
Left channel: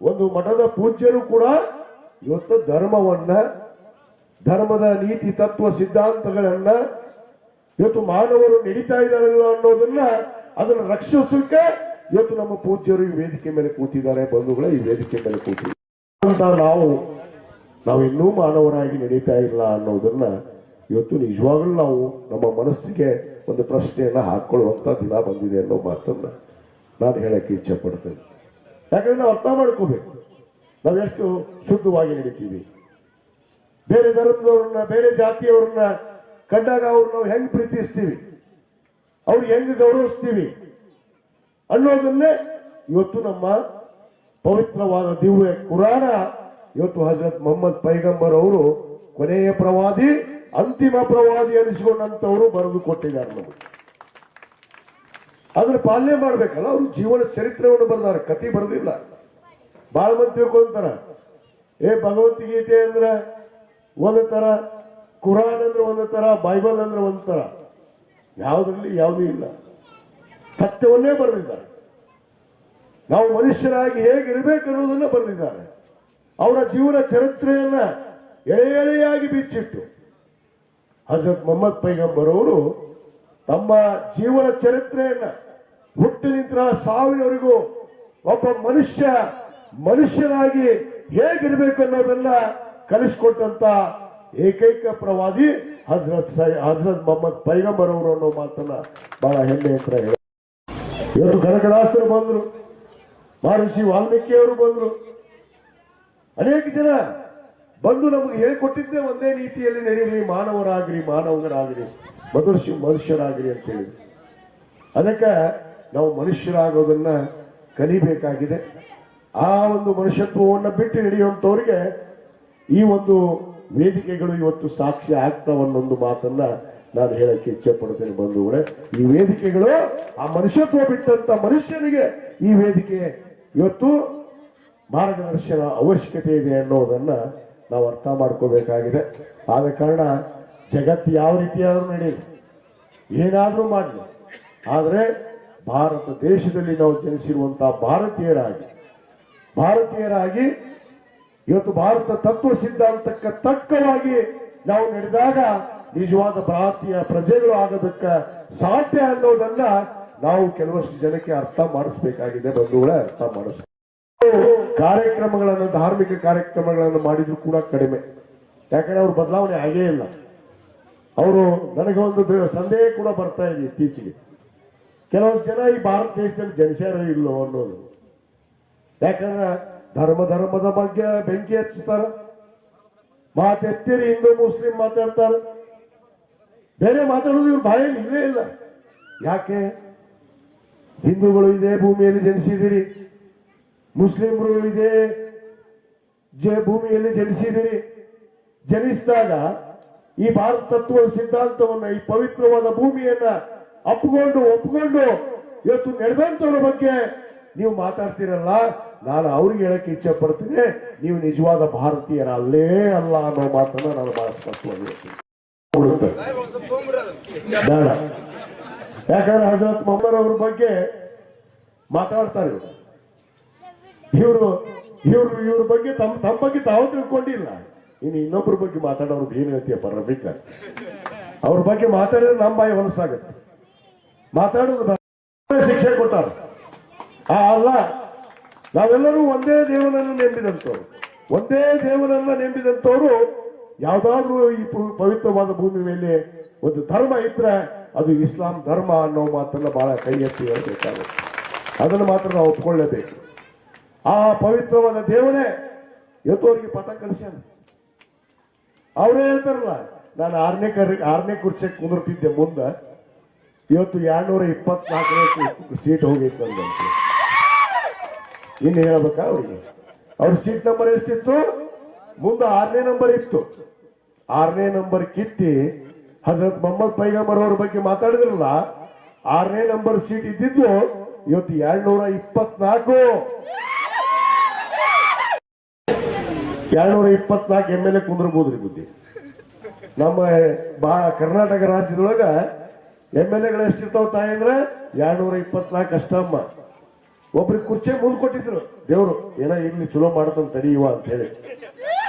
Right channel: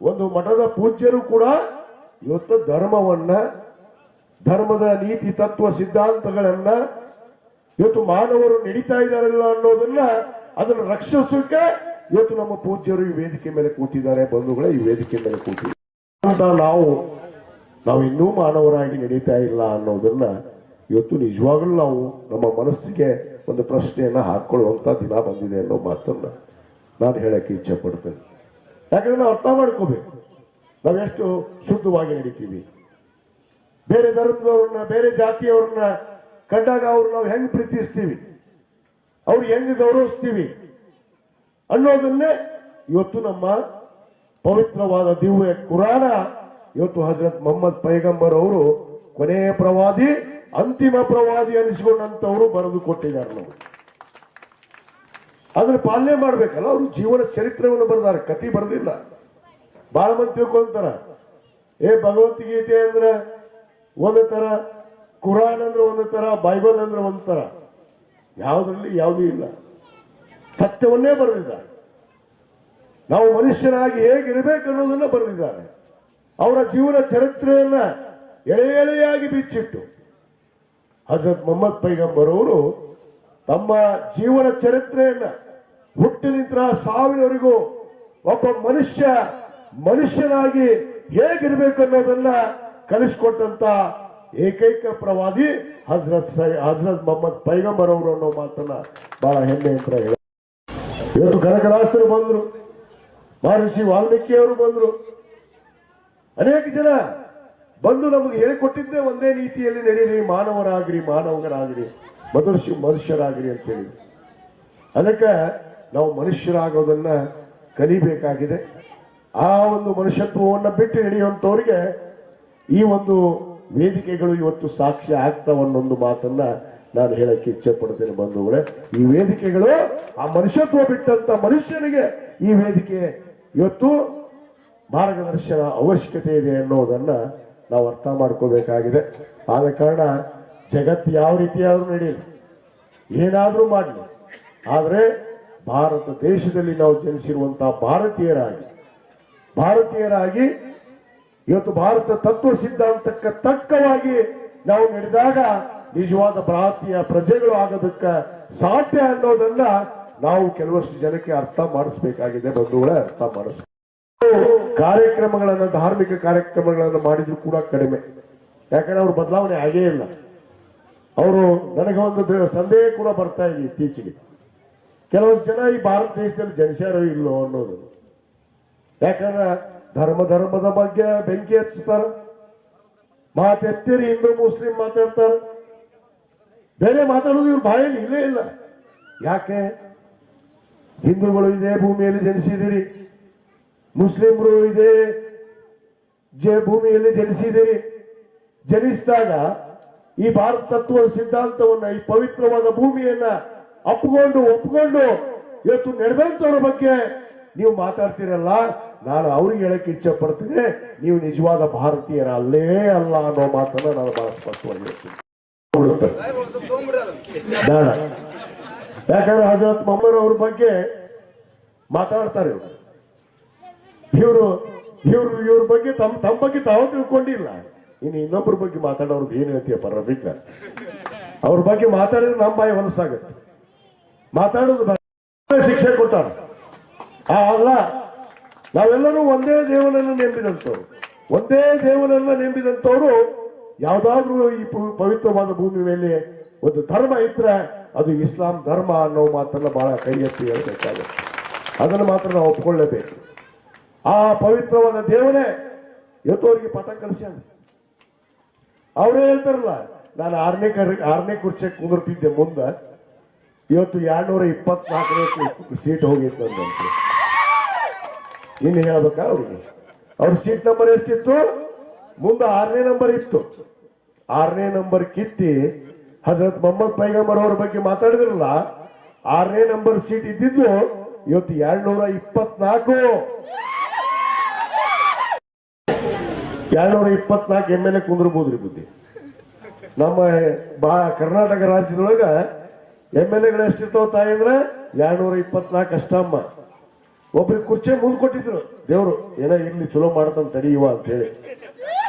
ಒಂದು ಮಠದ ಪೂಜ್ಯರು ಕೂಡ ಇವತ್ತು ಧರ್ಮವನ್ನ, ಧರ್ಮದ ನೀತಿ ತತ್ವ ಸಿದ್ಧಾಂತಗಳನ್ನ ಇವತ್ತು ಮಾನವರು ನಡೀತಾ ಇದ್ದಾರಲ್ಲ ಅನ್ನೋದನ್ನ ಅದನ್ನು ರಕ್ಷಿಸಲಿಕ್ಕೆ ಇವತ್ತು ನಮ್ಮ ಪೂಜ್ಯರು ಈ ವೇದಿಕೆ ಮೇಲೆ ಕೂತಿದ್ದಾರೆ, ಬಂಧುಗಳೇ ಈ ವೇದಿಕೆ ಮೇಲೆ ಕೂತಿದ್ದಾರೆ. ನಾವು ಇನ್ನೂ ಮಾನವರಾಗಿ ನಡೀತಾ ಇಲ್ಲ ಅನ್ನೋದನ್ನ ಇವತ್ತು ನಿಜವಾಗ್ಲೂ ನಾವು ನಮ್ಮ ಮನಸ್ಸಿಗೆ ಒಂದು ಪ್ರಶ್ನೆಯನ್ನ ಹಾಕೊಳ್ಳುವಂತ ದಿನ ಬಂದಿದೆ ಅನ್ನೋ ಮಾತನ್ನ ನಾನು ಹೇಳಕ್ಕೆ ಇಚ್ಛೆ ಪಡ್ತೇನೆ. ಯಾಕಂದ್ರೆ ನಾವು ಅರ್ಥ ಮಾಡ್ಕೋಬೇಕು, ನಾವು ಎಷ್ಟು ಶುದ್ಧವಾಗಿ ನಡೀತೀವಿ. ಬೇರೆ ಧರ್ಮದವ್ರನ್ನ, ಬೇರೆ ಜಾತಿಯವ್ರನ್ನ ಕಂಡಾಗ ಅವ್ರು ನಾವು ಹೆಂಗ್ ಪ್ರೀತಿಸ್ತೀವಿ, ಅವ್ರು ಹೆಂಗ್ ಗೌರವಿಸ್ತೀವಿ ಅನ್ನೋದನ್ನೇ ಇವತ್ತು ನಮ್ಮ ಪವಿತ್ರವಾದ ದಿವ್ಯ ಕುರಾನ ಇವತ್ತು ಹಜರತ್ ಮೊಹಮ್ಮದ್ ಪೈಗಂಬರ್ ಅವರು ಕೊನೆಯ ಪ್ರವಾದಿ, ಅಂತಿಮ ಪ್ರವಾದಿ ಅನಿಸಿಕೊಂಡಂತವರು ಬರೆದು ಕೊಟ್ಟಿದ್ದಾರೆ. ನಾವು ಅದ್ರ ಪಾಲನೆ ಮಾಡ್ಬೇಕಲ್ಲ. ಅವರು ಜೀವನ ಚರಿತ್ರೆಯನ್ನು ಬರೆದಾರೆ, ಕತಿ ಬರೆದಿಲ್ಲ. ಬಹಳ ಮಂದಿ ತಿಳ್ಕೊಂತಾರ, ಭಗವದ್ಗೀತೆ ಅಂದ್ರೆ ಒಂದು ತರ, ಕುರಾನ್ ಅಂದ್ರೆ ಒಂದು ತರ, ಬೈಬಲ್ ಅಂದ್ರೆ ಒಂದು ತರ. ಯಾವುದ್ರಲ್ಲಿ ಯಾವುದೂ ಇಲ್ಲ, ಸತ್ಯವನ್ನೇ ಬರೆದಿದ್ದಾರೆ. ನಾವು ಮನುಷ್ಯರಾಗಿ ಹೇಗಿರಬೇಕು ಅನ್ನೋದನ್ನ ಬರೆದಿದ್ದಾರೆ. ಅವರ ಜೀವನ ಚರಿತ್ರೆಯನ್ನ ಎಳೆ ಎಳೆಯಾಗಿ ಬಿಚ್ಚಿಟ್ಟು ಹಜರತ್ ಮೊಹಮ್ಮದ್ ಪೈಗಂಬರ್ ಅವರು ತಮ್ಮ ಜೀವನ ಚರಿತ್ರೆಯನ್ನ ಹುಟ್ಟಿನಿಂದ ಸಾವಿನವರೆಗೂ ಒಬ್ಬ ಮನುಷ್ಯನಾಗಿ ಹೇಗಿರ್ಬೇಕು ಅನ್ನೋದನ್ನ ಕಲಿಸ್ಕೊಟ್ಟಂತ ಏಕೈಕ ಪ್ರವಾದಿ ಹಜರತ್ ಮೊಹಮ್ಮದ್ ಪೈಗಂಬರ್ ಅವರು ಅನ್ನೋ ಮಾತನ್ನ ಬಹಳ ಹೆಮ್ಮೆ ಅಂತ ಹೇಳ. ಇವತ್ತು ಕನಕದಾಸರು ಬಂದ್ರು, ಮಹರ್ಷಿ ವಾಲ್ಮೀಕಿ ಅವರು ಬಂದ್ರು, ಅನೇಕ ಜನ ಬಂದು ನಮಗೆ ಹೇಳಿಕೊಟ್ಟಿದ್ದೇ ಒಂದೇ ರೀತಿಯಲ್ಲಿ ನಡೀರಿ, ಮಾನವರಾಗ್ರಿ ಮನುಷ್ಯರಾಗ್ರಿ ಅಂತ ಹೇಳಿ. ಅದಕ್ಕೆ ನಾವು ಮನುಷ್ಯರಾಗೋದನ್ನ ಕಲಿಬೇಕಾಗಿದೆ. ಆ ಒಂದು ಮನುಷ್ಯತ್ವವನ್ನು ಬಿಟ್ಟು ನಡೆಯುವಂತವರಿಗೆ ಈ ಒಂದು ವೇದಿಕೆಗಳು ಇವತ್ತು ಸಾಕ್ಷ್ಯ ಆಗ್ತಾವನ್ನೊಂದು ಮಾತನ್ನ ನಾನು ಹೇಳಕ್ಕೆ ಇಚ್ಛೆ ಪಡ್ತೇನೆ ಬಂಧುಗಳೇ. ಈ ವೇದಿಕೆಗಳು ಆ ಮನುಷ್ಯತ್ವ ಬಿಟ್ಟಂತ ಮನುಷ್ಯನಿಗೆ ಈ ವೇದಿಕೆ ಇವತ್ತು ಮಾರ್ಗದರ್ಶನ ಅವಶ್ಯಕತೆ ಇದೆ ಅನ್ನೋದನ್ನ ನಾವು ಅರ್ಥ ಮಾಡ್ಕೋಬೇಕಾಗಿದೆ. ಆದ ಕಾರಣ ಜಗತ್ತು ಯಾವ ರೀತಿಯಾದ್ರೂ ನಡೆಯಲಿ, ಏನಾದ್ರೂ ಮಾಡಲಿ, ಆದರೆ ಭಾರತ ದೇಶದಲ್ಲಿ ನಾವು ಜನಿಸಿರುವಂತಹ ಭಾರತೀಯರಾಗಿ ಇವತ್ತು ಭಾರತ ತತ್ವ ಸಿದ್ಧಾಂತಕ್ಕೆ ತಕ್ಕವಾಗಿ ನಾವು ನಡೆದಾಗ ನಿಜವಾದ ಭಾರತೀಯ ಪ್ರಜೆಗಳು ಆಗೋದಕ್ಕೆ ಸಾಧ್ಯ ಅನ್ನೋದನ್ನ ನಾವು ಕೆಲವಷ್ಟು ಜನಕ್ಕೆ ಅರ್ಥ ಮಾಡಿಸ್ಬೇಕಾಗಿದೆ ಬಂಧುಗಳೇ, ಅರ್ಥ ಮಾಡಿಸ್ಬೇಕು. ಕಾರ್ಯಕ್ರಮಗಳನ್ನ, ಧಾರ್ಮಿಕ ಕಾರ್ಯಕ್ರಮಗಳನ್ನು ಮಾಡಿದ್ರು ಕೂಡ ಕಡಿಮೆ. ಯಾಕಂದ್ರೆ ಅವ್ರ ಬದಲಾವಣೆ ಆಗೇ ಇಲ್ಲ. ಅವರು ನನಗೆ ಒಂದು ಸಂದೇಹ ಕೂಡ ಬರ್ತಾ ಇದೆ ಇತ್ತೀಚೆಗೆ, ಕೆಲವೊಂದು ಜನ ಈ ಭಾರತ ದೇಶದಲ್ಲಿ ಜನಿಸ್ಯಾರೋ ಇಲ್ಲೋ ಅನ್ನೋದು. ಯಾಕಂದ್ರೆ ಧರ್ಮದ ಬಗ್ಗೆ ಬೆಂಕಿ ಹಚ್ಚುತ್ತಾರ, ಮಾತೆತ್ತಿರಿ ಹಿಂದೂ ಮುಸ್ಲಿಂ ಮಾತಾಡ್ತಾರ, ಬೇರೆ ಮಾತಾಡೋದು ಇವ್ರ ಬಾಯಲ್ಲಿ ಇಲ್ಲೇ ಇಲ್ಲ. ಯಾಕೆ? ಹಿಂದೂಗಳು ಇದೇ ಭೂಮಿಯಲ್ಲಿ ಜನಿಸಿದಿರಿ, ಮುಸ್ಲಿಮರು ಇದೇ ಭೂಮಿಯಲ್ಲಿ ಜನಿಸಿದಿರಿ. ಜನಿಸಿದಾಗ ಈ ಭಾರತ ತತ್ವದ ಸಿದ್ಧಾಂತವನ್ನ, ಈ ಪವಿತ್ರವಾದ ಭೂಮಿಯನ್ನ ಒಪ್ಪಿಕೊಂಡು ಇವತ್ತು ನಡೆದಂತವ್ರ ಬಗ್ಗೆ ನೀವು ಮಾತಾಡ್ತೀರಲ್ಲ, ನಾನು ಅವ್ರಿಗೆ ಹೇಳಕ್ಕೆ ಇಚ್ಛೆ ಪಡ್ತೀನಿ, ನೀವು ನಿಜವಾದ ಭಾರತೀಯರ ಅಲ್ಲೇ ಅಲ್ಲ ಅನ್ನೋ ಮಾತನ್ನ ನಾನು ಬಹಳ ಸ್ಪಷ್ಟವಾಗಿ ಹೇಳ್ತೀನಿ. ಯಾಕಂದ್ರೆ ಹಜರತ್ ಮೊಹಮ್ಮದ್ ಅವ್ರ ಬಗ್ಗೆ ಮಾತಾಡ್ತಾರೆ ಇವ್ರ ಬಗ್ಗೆ ತಮ್ಮ ಬಗ್ಗೆ ತಾವು ತಿಳ್ಕೊಂಡಿಲ್ಲ. ಇನ್ನು ಇನ್ನೊಬ್ಬರ ಬಗ್ಗೆ ಮಾತಾಡೋರ್ಗೆ ಏನು ಹೇಳ್ತೀಯಪ್ಪ ರಫೀಕ? ಅವ್ರ ಬಗ್ಗೆ ಮಾತಾಡಿದ್ರೆ ನಮ್ಮ ಬಾಯಿ ಹೊಲಸಾಗುತ್ತೆ. ಮಾತಾಡೋದು ಶಿಕ್ಷೆ ಕೊಟ್ಟಾರ. ಅಲ್ಲ, ನಾವೆಲ್ಲರೂ ಒಂದೇ ದೇವರನ್ನು ನಂಬಿದಂತವ್ರು ಯಾವ್ದಾದ್ರು ಈ ಪವಿತ್ರವಾದ ಭೂಮಿ ಮೇಲೆ ಒಂದು ಧರ್ಮ ಇದ್ರೆ ಅದು ಇಸ್ಲಾಂ ಧರ್ಮ ಅನ್ನೋ ಮಾತನ್ನ ಬಹಳ ಕೈ ಎತ್ತಿ ಹೇಳ್ಬೇಕಾಗುತ್ತೆ. ಅದನ್ನು ಮಾತ್ರ ನಾವು ಒಪ್ಕೊಳ್ಳೇಬೇಕು. ಆ ಪವಿತ್ರವಾದ ದೇವರೇ ಇವತ್ತು ಅವರಿಗೆ ಪಾಠ ಕಲಿಸ್ಯಾನ. ಅವರೇ ಹೇಳ್ತಾರಲ್ಲ, ನಾನು ಆರನೇ ಕುರ್ಚಿಗೆ ಕುಂದಿರ್ತಿದ್ದೆ ಮುಂದೆ, ಇವತ್ತು 224 ಸೀಟ್ ಹೋಗಿತ್ತು ಅಂತ. ಇನ್ನು ಹೇಳ್ಬೇಕಾ ಅವ್ರಿಗೆ? ಅವ್ರ ಸೀಟ್ ನಂಬರ್ ಎಷ್ಟಿತ್ತು? ಮುಂದೆ 6ನೇ ನಂಬರ್ ಇತ್ತು. 6ನೇ ನಂಬರ್ ಕಿತ್ತಿ ಹಜರತ್ ಮೊಹಮ್ಮದ್ ಪೈಗಂಬರ್ ಅವ್ರ ಬಗ್ಗೆ ಮಾತಾಡಿದ್ರಲ್ಲ, 6ನೇ ನಂಬರ್ ಸೀಟ್ ಇದ್ದಿದ್ದು ಇವತ್ತು 224 MLA ಕುಂದಿರ್ಬೋದ್ರಿ ಬುದ್ಧಿ. ನಮ್ಮ ಕರ್ನಾಟಕ ರಾಜ್ಯದೊಳಗ MLAಗಳು ಎಷ್ಟಿರ್ತಾವ ತಾಯಿ ಅಂದ್ರೆ 224 ಅಷ್ಟಮ್ಮ. ಒಬ್ರಿಗೆ ಕುರ್ಚಿ ಮುಂದೆ ಕೊಟ್ಟಿದ್ರು ದೇವ್ರು, ಏನೋ ಇರ್ಲಿ ಚಲೋ ಮಾಡತಂತ ತಡೆಯುವ ಅಂತ ಹೇಳಿ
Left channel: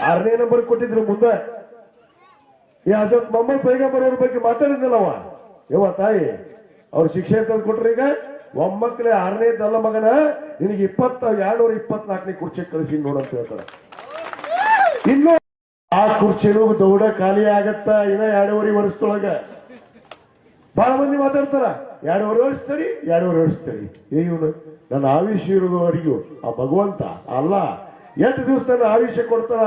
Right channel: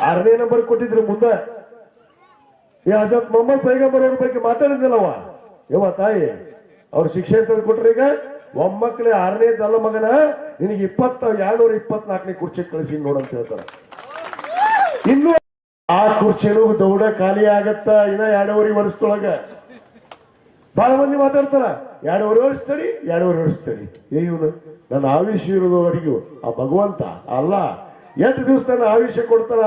6ನೇ ನಂಬರ್ ಕೊಟ್ಟಿದ್ರು ಮುಂದೆ. ಈ ಹಜರತ್ ಮೊಹಮ್ಮದ್ ಪೈಗಂಬರ್ ಅವ್ರ ಬಗ್ಗೆ ಮಾತಾಡಿದ್ನಲ್ಲವ ಯವ್ವ ತಾಯಿ, ಅವ್ರು ಶಿಕ್ಷೆ ತಂದು ಕೊಟ್ರು. ಈಗ ಒಮ್ಮಕ್ಕಳೇ 6ನೇದಲ್ಲ ಮಗನ, ನಿನಗೆ 224ನೇ ಕುರ್ಚಿ ಕಳಿಸಿ ನೋಡಂತ ಹೇಳ್ತಾರೆ. ಇನ್ನು ಆ ಕುರ್ಚಿನೂ ದೌಡ ಖಾಲಿ ಆಗತ್ತ ಇನ್ನ 2.5 ವರ್ಷದೊಳಗ. ಬಹಳ ಮಂದಿ ಮಾತಾಡ್ತಾರ 2.5 ವರ್ಷ ತಡಿ, 2.5 ವರ್ಷ ತಡಿ. ಇವನು ನನ್ನ ಆಯುಷ್ಯ ಇರೋದವರೆಗೂ ಆ ಭಗವಂತ ಅಲ್ಲ, 8 ದಿವಸ ನನ್ನ ಆಯುಷ್ಯ ಕೊಡ್ತಾರ,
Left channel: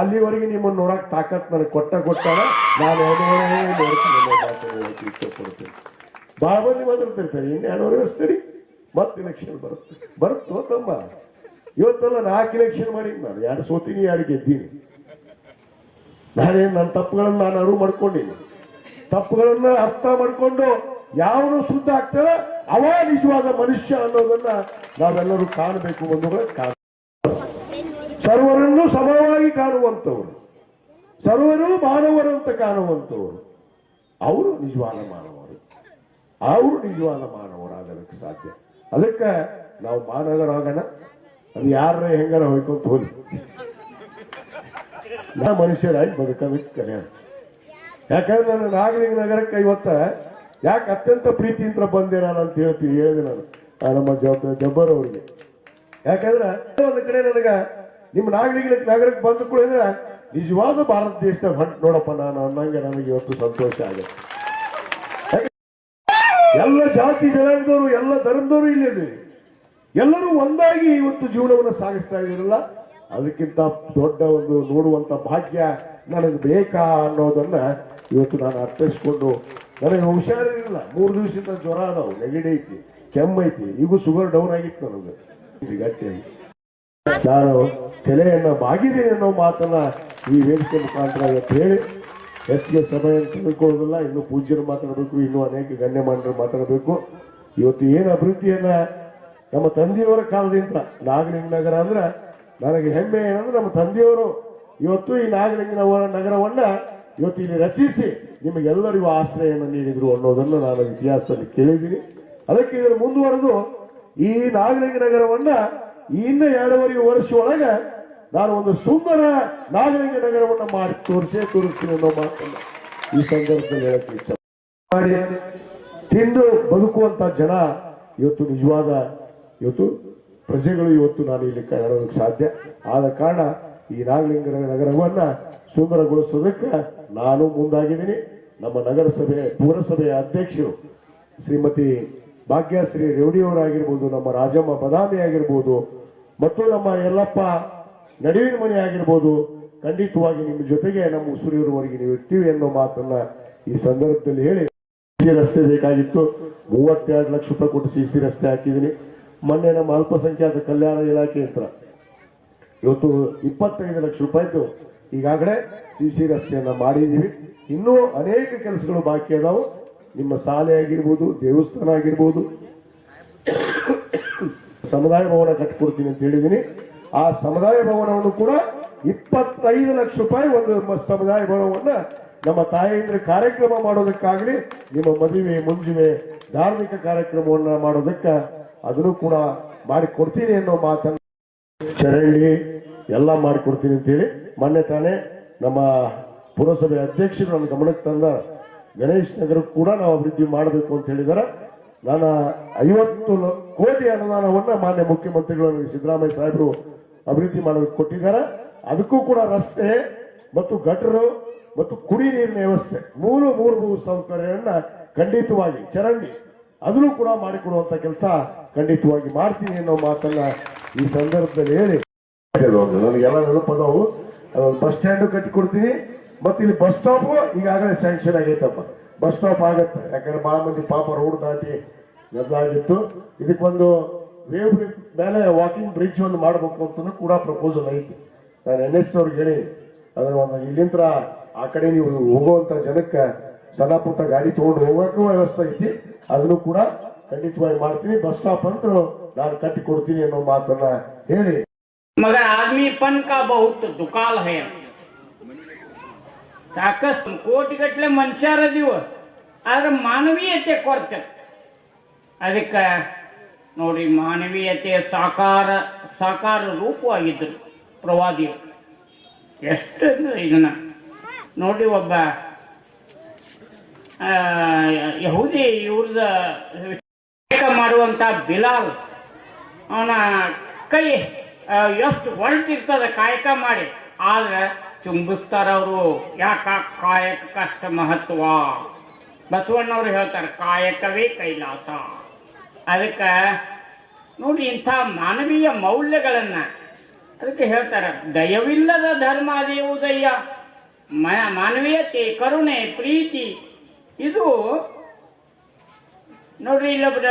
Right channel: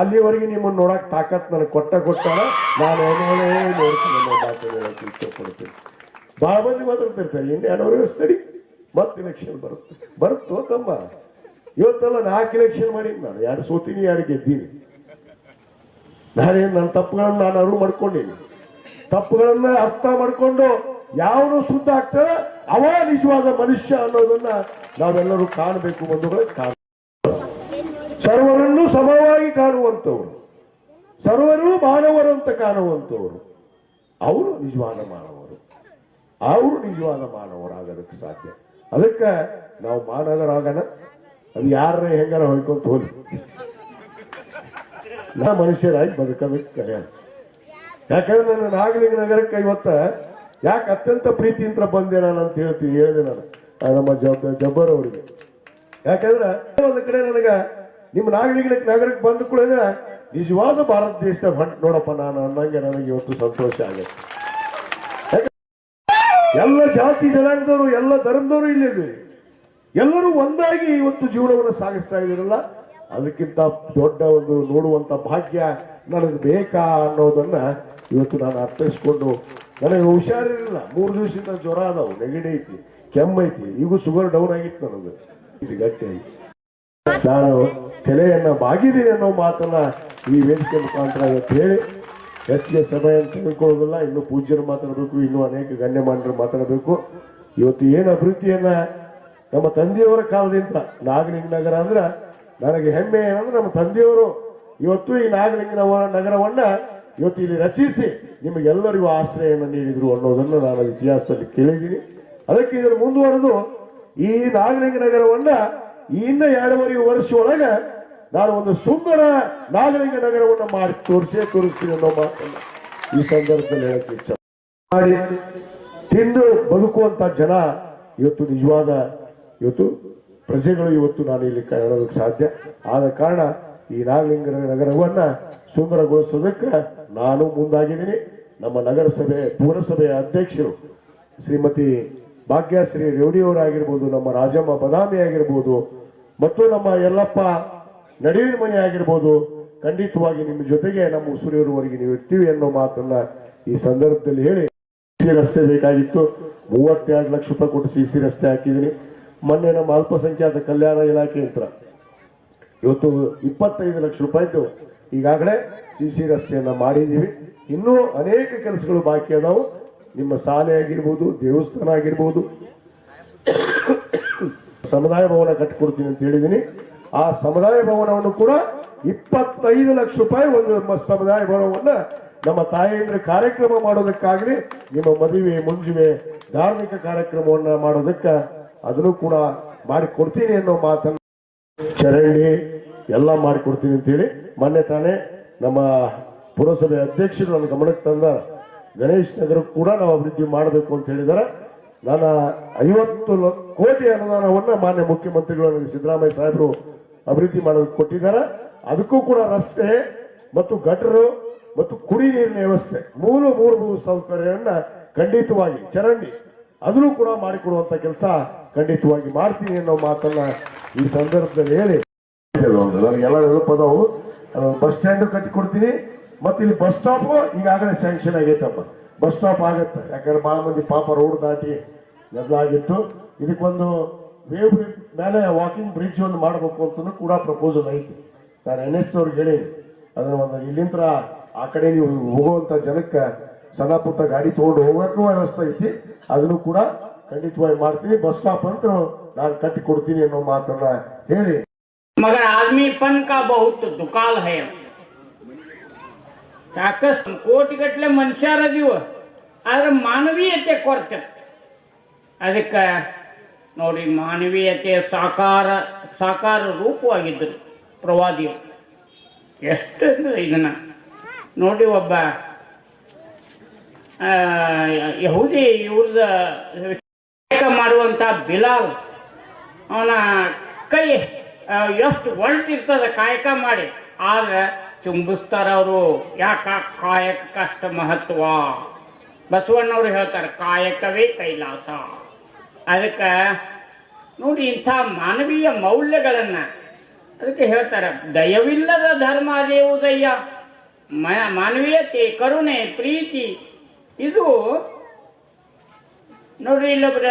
ಅಲ್ಲಿವರೆಗೆ ನಿಮ್ಮನ್ನು ನೋಡಕ್ ತಾಕತ್ ನನಗೆ ಕೊಟ್ಟಾರ. ನಾನು ಇಚ್ಛೆ ಕೊಡ್ತೀನಿ. ಬಹಳ ಮಂದಿ ಮಾತಾಡ್ತಿರ್ತಾರೆ ಇನ್ನು 2.5 ವರ್ಷ ತಡಿ, ಮತ್ತೆ ಇಲೆಕ್ಷನ್ ಬರುತ್ತೋ ತಮ್ಮ. ಇವತ್ತೆಲ್ಲ 4 ಇಲೆಕ್ಷನ್ ಮಾಡಿದ್ ನಾನು, 2 ಸೋತೀನಿ 2 ಗೆದ್ದೀನಿ. ನಾನೇನು ನನ್ನ ತಪ್ಪುಗಳನ್ನ ನಾನು ಅರಿವು ಮಾಡ್ಕೊಂಡಿನಿ. ತಪ್ಪುಗಳನ್ನ ಅರ್ಥ ಮಾಡ್ಕೊಂಡು ಯಾವನು ಶುದ್ಧ ಆಗ್ತಾರ ಅವ ನಿಜವಾದ ಮನುಷ್ಯ ಅನ್ನೋದನ್ನ ನಾವೆಲ್ಲರೂ ಕಾಣಬೇಕು. ಸರ್ವರನ್ನು ಸಮವಾಗಿ ಕಾಣುವಂಥವ್ರು, ಸರ್ವರು ಮಾನವರಂತ ಕಾಣುವಂಥವ್ರು, ಅವರು ನಿಜವಾದ ಮಾನವರು, ಅವರು ನಿಜವಾದ ಮಾನವರಾಗೋದಕ್ಕೆ ಸಾಧ್ಯ. ಅದಕ್ಕೆ ನಾವು ಮಾನವರಾಗೋಣ. ಅದು ಯಾರೇ ಹೆಂಗಾರ ಹೋಯ್ಕೊಂತ ಹೋಗಿ ನಾ ಮನುಷ್ಯರಾಗಿ ಬದುಕೋದಕ್ಕೆ ಕರೆ. ಯಾಕಂದ್ರೆ ನನ್ನ ನಾಗಲಿಂಗ ನಗರಕ್ಕೆ ಇವತ್ತ ಯಾಕೆ ಅತ್ಯಂತ ಪ್ರೀತಿಯಿಂದ ಬಂದೆ ನಾನು ಅಂತ ಹೇಳ್ತೀನಿ, ಹೇಳಿದೆ ನಾನು ನಮ್ಮ ಜಬ್ಬರ್ ಅವರಿಗೆ. ಯಾಕಂದ್ರೆ ಒಂದು ಕಡೆ ನನಗ ನಿಮ್ಮ ನಾಗಲಿಂಗ ನಗರಕ್ಕೆ ಬಂದ ಕೂಡ ನಿಜವಾದ ಭಾರತ ದೇಶದ ಹೊಂಟು ನೋಡಪ್ಪ ನಾನು ಅನ್ನಂಗೆ ನನಗೆ ಇವತ್ತು ಸಂತೋಷ ಆಗುತ್ತೆ. ಎಲ್ಲ ಜಾತಿ ಜನಾಂಗದವರು, ಎಲ್ಲ ಧರ್ಮದವರು ಇಲ್ಲಿದ್ದೀರಿ, ಎಲ್ಲರೂ ಒಂದಾಗಿ ಇವತ್ತು ಜೀವನವನ್ನು ಸಾಗಿಸ್ತಾ ಇದ್ದೀರಲ್ಲ, ಅದಕ್ಕಿಂತ ದೊಡ್ಡ ಒಂದು ನೋಡುವಂತ ಭಾಗ್ಯ ನನಗೆ ಬೇಕಾ ಅನ್ನೋದನ್ನ ಇವತ್ತು ನಾನು ಅರ್ಥೈಸ್ಕೊಂಡು, ನನಗೆ ಹುಷಾರಿರಲಿಲ್ಲ, 3 ದಿವಸದಿಂದ ಜ್ವರ ಅದಾವು, ನೆಗಡಿ ಐತಿ, ಕೆಮ್ಮೈತಿ, ಈಗೂ ಶುಗರ್ ಡೌನ್ ಆಗಿತ್ತು ನನಗೆ ಗಟ್ಟಿಯಾಗಿ. ನಾನು ತಲೆಯನ್ನ ಬಾಗಿದ್ದೀನಿ ಅನ್ನೋ ಮಾತನ್ನ ಈ ವೇದಿಕೆ ಮುಖಾಂತರ ಇವತ್ತು ಹೇಳಿ ಹೆಚ್ಚಿಗೆ ಸಮಯ ತಿಳ್ಕೊಳ್ಳೋದಿಲ್ಲ. ಇನ್ನು ಪೂಜ್ಯರು ಮಾತಾಡಬೇಕು, ಇನ್ನೂ ಅನೇಕ ಗಣ್ಯಮಾನ್ಯರು ಮಾತಾಡಬೇಕು. ಇವತ್ತು ಏನು ಅಭಿವೃದ್ಧಿಯನ್ನ ನಮ್ಮ ತಂದೆಯವರ ಕಾಲದಿಂದ ನಾಗಲಿಂಗ ನಗರ ಅಂದ್ರೆ ನನಗೆ ಹೆಮ್ಮೆ ಏನಂದ್ರೆ ನಮ್ಮ ತಂದೆಯವರು ಇವತ್ತು ಈ ನಾಗಲಿಂಗ ನಗರವನ್ನ ಇವತ್ತು ಇಲ್ಲಿ ರಚಿಸಿ ನಿಮಗೆಲ್ಲರಿಗೂ ಆಶ್ರಯವನ್ನು ನೀಡಿದ್ರು ಅನ್ನೋದನ್ನು ನಾನು ಇತಿಹಾಸದಲ್ಲಿ ಕೇಳಿದ್ದೀನಿ. ಅದಕ್ಕೆ ಇದನ್ನು ಮುಂದುವರೆದು ಈ ನಾಗಲಿಂಗ ನಗರವನ್ನ ಇನ್ನ 2.5 ವರ್ಷ ಒಳಗ ನಾನು ಒಂದು ಸುಂದರ ನಾಗಲಿಂಗ ನಗರವನ್ನ ಮಾಡಿ ತೋರಿಸ್ತೀನಿ ಅನ್ನೋ ಮಾತನ್ನ ಈ ಸಂದರ್ಭದಲ್ಲಿ ಹೇಳಕ್ಕೆ ಇಚ್ಛೆ ಮಾಡಿ. ತಿಂದು ಬದುಕುವಂತ ಜನ ಇವತ್ತು ನಿಜವಾದ ಇವತ್ತು ಪ್ರಜೆಗಳು ಇವತ್ತು ನಾನು ಇಲ್ಲಿ ಕಾಣೋದಕ್ಕೆ ಸಾಧ್ಯ. ಆದ ಕಾರಣ ಈ ನಾಗಲಿಂಗ ನಗರವನ್ನ ಸುಂದರಗೊಳಿಸೋದಕ್ಕೆ ನಾನು ಮುಂದಾಗಿದ್ದೀನಿ. ನಮ್ಮ ನಗರಸಭೆ ಪುರಸಭೆಯ ಅಧ್ಯಕ್ಷರು ಶ್ರೀಮತಿ ಭಾಗ್ಯಶ್ರೀ ರೇವಡಿಯವರಾಗಿರ್ಬೋದು, ನಮ್ಮ ರಾಜಮ್ಮ ಬದಾಮಿ ಆಗಿರ್ಬೋದು, ಮತ್ತು ನಮ್ಮ ಯಲ್ಲಪ್ಪ ನಡುವಿನ ಮನೆ ಆಗಿರ್ಬೋದು, ಖಂಡಿತವಾಗಿ ನಿಮ್ಮ ಜೊತೆಗೆ ನಮ್ಮ ಉಸುರಿಯವರವರೆಗೆ ನೀವು ಇರ್ತೀವಿ ಅನ್ನೋ ಮಾತನ್ನ ಈ ಸಂದರ್ಭದಲ್ಲಿ ಹೇಳಿ, ಸಿಸಿ ರಸ್ತೆ ಬೇಕಾಗಿತ್ತು, 32 ಲಕ್ಷ ರೂಪಾಯಿ ಕೊಟ್ಟು ಸಿಸಿ ರಸ್ತೆ ಹಾಕಿದ್ದೀನಿ. ಮೊನ್ನೆ ನಮ್ಮ ಅಲ್ಪಸಂಖ್ಯಾತ ಕಲ್ಯಾಣ ಇಲಾಖೆ ಹತ್ರ ಇವತ್ತು 25 ಲಕ್ಷ ರೂಪಾಯಿದು ಈಗಾಗಲೇ ಸಿಸಿ ರಸ್ತೆಯನ್ನ ಮಾಡಿದ್ದೀವಿ. ಇನ್ನೂ ಅನೇಕ ಕೆಲಸಗಳು ಬಾಕಿ ಅದಾವು. ನಿಮ್ಮ ಶಾಲೆ ಆಗಿರ್ಬೋದು, ದೇವಸ್ಥಾನ ಆಗಿರ್ಬೋದು, ಸಮುದಾಯ ಭವನ ಕಟ್ಟಿಕೊಡ್ತೀನಿ ಅಂತ ಹೇಳಿದ್ದೀನಿ. ಆ ಸಮುದಾಯ ಭವನವನ್ನು ಕೂಡ 25 ಲಕ್ಷ ರೂಪಾಯಿ ಒಂದು ಸಮುದಾಯ ಭವನವನ್ನ ನಮ್ಮ ತಾಯಂದ್ರ ಕಾರ್ಯಕ್ರಮ ಮಾಡೋದಕ್ಕಾಗಲಿ, ನಿಮ್ಮ ಮದುವೆ ಮುಂಜುವೆ ಧಾರ್ಮಿಕ ಕಾರ್ಯಕ್ರಮವನ್ನ ಮಾಡೋದಕ್ಕೆ ಅದನ್ನು ಕೂಡ ಮಾಡಿಕೊಡ್ತೀನಿ ಅನ್ನೋ ಮಾತನ್ನು ಚರಂಡಿ ಎಲ್ಲ ಮಾಡಿಕೊಡ್ತೀನಿ ಅಂತ ಹೇಳಿ ಮೊನ್ನೆ ತಾನೇ ನಮ್ಮ ಪುರಸಭೆ ಅಧ್ಯಕ್ಷರು ನನ್ನ ಗಮನಕ್ಕೆ ತಂದ ಗಣೇಶ್ ನಗರ ಕೂಡ ನಾವು ಅಭಿವೃದ್ಧಿ ಮಾಡಬೇಕು ಅಂತ ಹೇಳಿದಾರೆ. ನಾನು 50 ಕೋಟಿ ಅನುದಾನವನ್ನ ಮಾನ್ಯ ಮುಖ್ಯಮಂತ್ರಿಗಳು ನನಗೆ ಸಿದ್ದರಾಮಯ್ಯ ಸಾಹೇಬರು ಅಭಿವೃದ್ಧಿ ಮಾಡೋದಕ್ಕೆ ಕೊಟ್ಟಿದ್ದಾರೆ. ಅದಕ್ಕೂ ಕೂಡ ರಸ್ತೆ ಮತ್ತು ಗಟರು ಮತ್ತು ಕುಡಿ ನೀರಿನ ವ್ಯವಸ್ಥೆ ಮೂರು ಸೌಕರ್ಯವನ್ನ ಖಂಡಿತವಾಗಿ ಚರಂಡಿ ಅದನ್ನು ಕೂಡ ಮಾಡಿಕೊಡುವಂತ ಕೆಲಸ ಖಂಡಿತವಾಗಿ ಮಾಡ್ತೀನಿ ಅನ್ನೋ ಮಾತನ್ನ ಈ ಸಂದರ್ಭದಲ್ಲಿ ಹೇಳಿ, ನನಗೆಲ್ಲ ನೆನಪದವು. ಬಸ್ ಸ್ಟ್ಯಾಂಡ್ ಕಟ್ಟಿಕೊಡ್ತೀನಿ ಮತ್ತೆ ಇಲ್ಲಿ ಬಸ್ ಸ್ಟಾಪ್ ಈಗಾಗಲೇ ಸ್ಯಾಂಕ್ಷನ್ ಆಗೈತಪ್ಪ, ಬಸ್ ಸ್ಟಾಪ್ ಆಗತ್ತೆ. ಯಾಕಂದ್ರೆ ಬಹಳ ಮಂದಿ ಪಾಪ ರೋಡ್ ದಾಟಿ ಗದ್ದಲ ಆಗಿತ್ತು. ಇದಕ್ಕೊಂದು ವೇವ್ ಮೇಲೆ ವಾಕಿಂಗ್ ಬ್ರಿಡ್ಜ್ ಒಂದು ಮಾಡಬೇಕು ಅಂತ ಕೂಡ ಪ್ರಪೋಸಲ್ ಐತಿ. ನಾನು NS ಅವ್ರಿಗೆ ಹೇಳಿ ಅದನ್ನ ಇಲ್ಲಿಂದ ಆ ಕಡೆ ನೀವು ಹೋಗುವಂತ ಜನಕ್ಕೆ ಸಣ್ಣ ಪುಟ್ಟ ಗಾಡಿ ತಗೊಂಡು ಹೋಗೋಕ್ಕೂ ವ್ಯವಸ್ಥೆ ಐತಿ, ಅದನ್ನು ಕೂಡ ಖಂಡಿತವಾಗಿ ಮಾಡ್ತೀನಿ. ಬಸ್ ಸ್ಟಾಪ್ ಅಂತ ನಾನು ಕಟ್ಟಿ ಕೊಡ್ತೀನಿ ಅನ್ನೋ ಮಾತನ್ನ ಹೇಳಿ, मगर आदमीपन का बहुत दुकाल है. ಸಾಕಷ್ಟು ಕೋಟಿಗಟ್ಟಲೆ ಮನುಷ್ಯರದೀವ, ಆದ್ರೆ ಮಾನವೀಯತೆ ಕೊರತೆ. ಅದಕ್ಕೆ ನೋಡಿ, ಮಾನವೀಯತೆ ಸಾಕಾರ ರೂಪವಾಗಿದ್ದರು ಪ್ರವಾದಿಗಳು. ಎಷ್ಟು ಇದನ್ನ ನೋಡಿ, ಒಬ್ಬ ಯಹೂದಿ ಇವ್ರದ ಕಾಯಕ ಮಾಡುವಂತ ಬಿಲಾಲ್ ಅವನ ಕೈ ಎಷ್ಟು ಒಳ್ತಿರ್ತದ ಕಾಯಕ ಮಾಡಿ, ಆದ್ರೆ ಚುಂಬಿಸ್ತಾರ ಅವರು. ಯಾಕ ಕಾಯಕಕ್ಕಷ್ಟ ಮಹತ್ವ. ಬಸವಣ್ಣವ್ರು ಹೇಳ್ತಾರೆ ಕಾಯಕವೇ ಕೈಲಾಸ. ಅದಕ್ಕೆ ನೋಡಿ ಇಂಥ ಮಾನವೀಯ ಮೌಲ್ಯಗಳನ್ನ ಅದಕ್ಕೆ ಹೇಳ್ತಾರೆ, ದಯವಿಲ್ಲದ ಧರ್ಮ ಅದೇವು ದಯ್ಯ. ಮಾನವೀಯತೆ, ಕರುಣೆ, ಪ್ರೀತಿ ಇದು ನೋಡ್ರಿ. ಇಲ್ಲೊಬ್ರ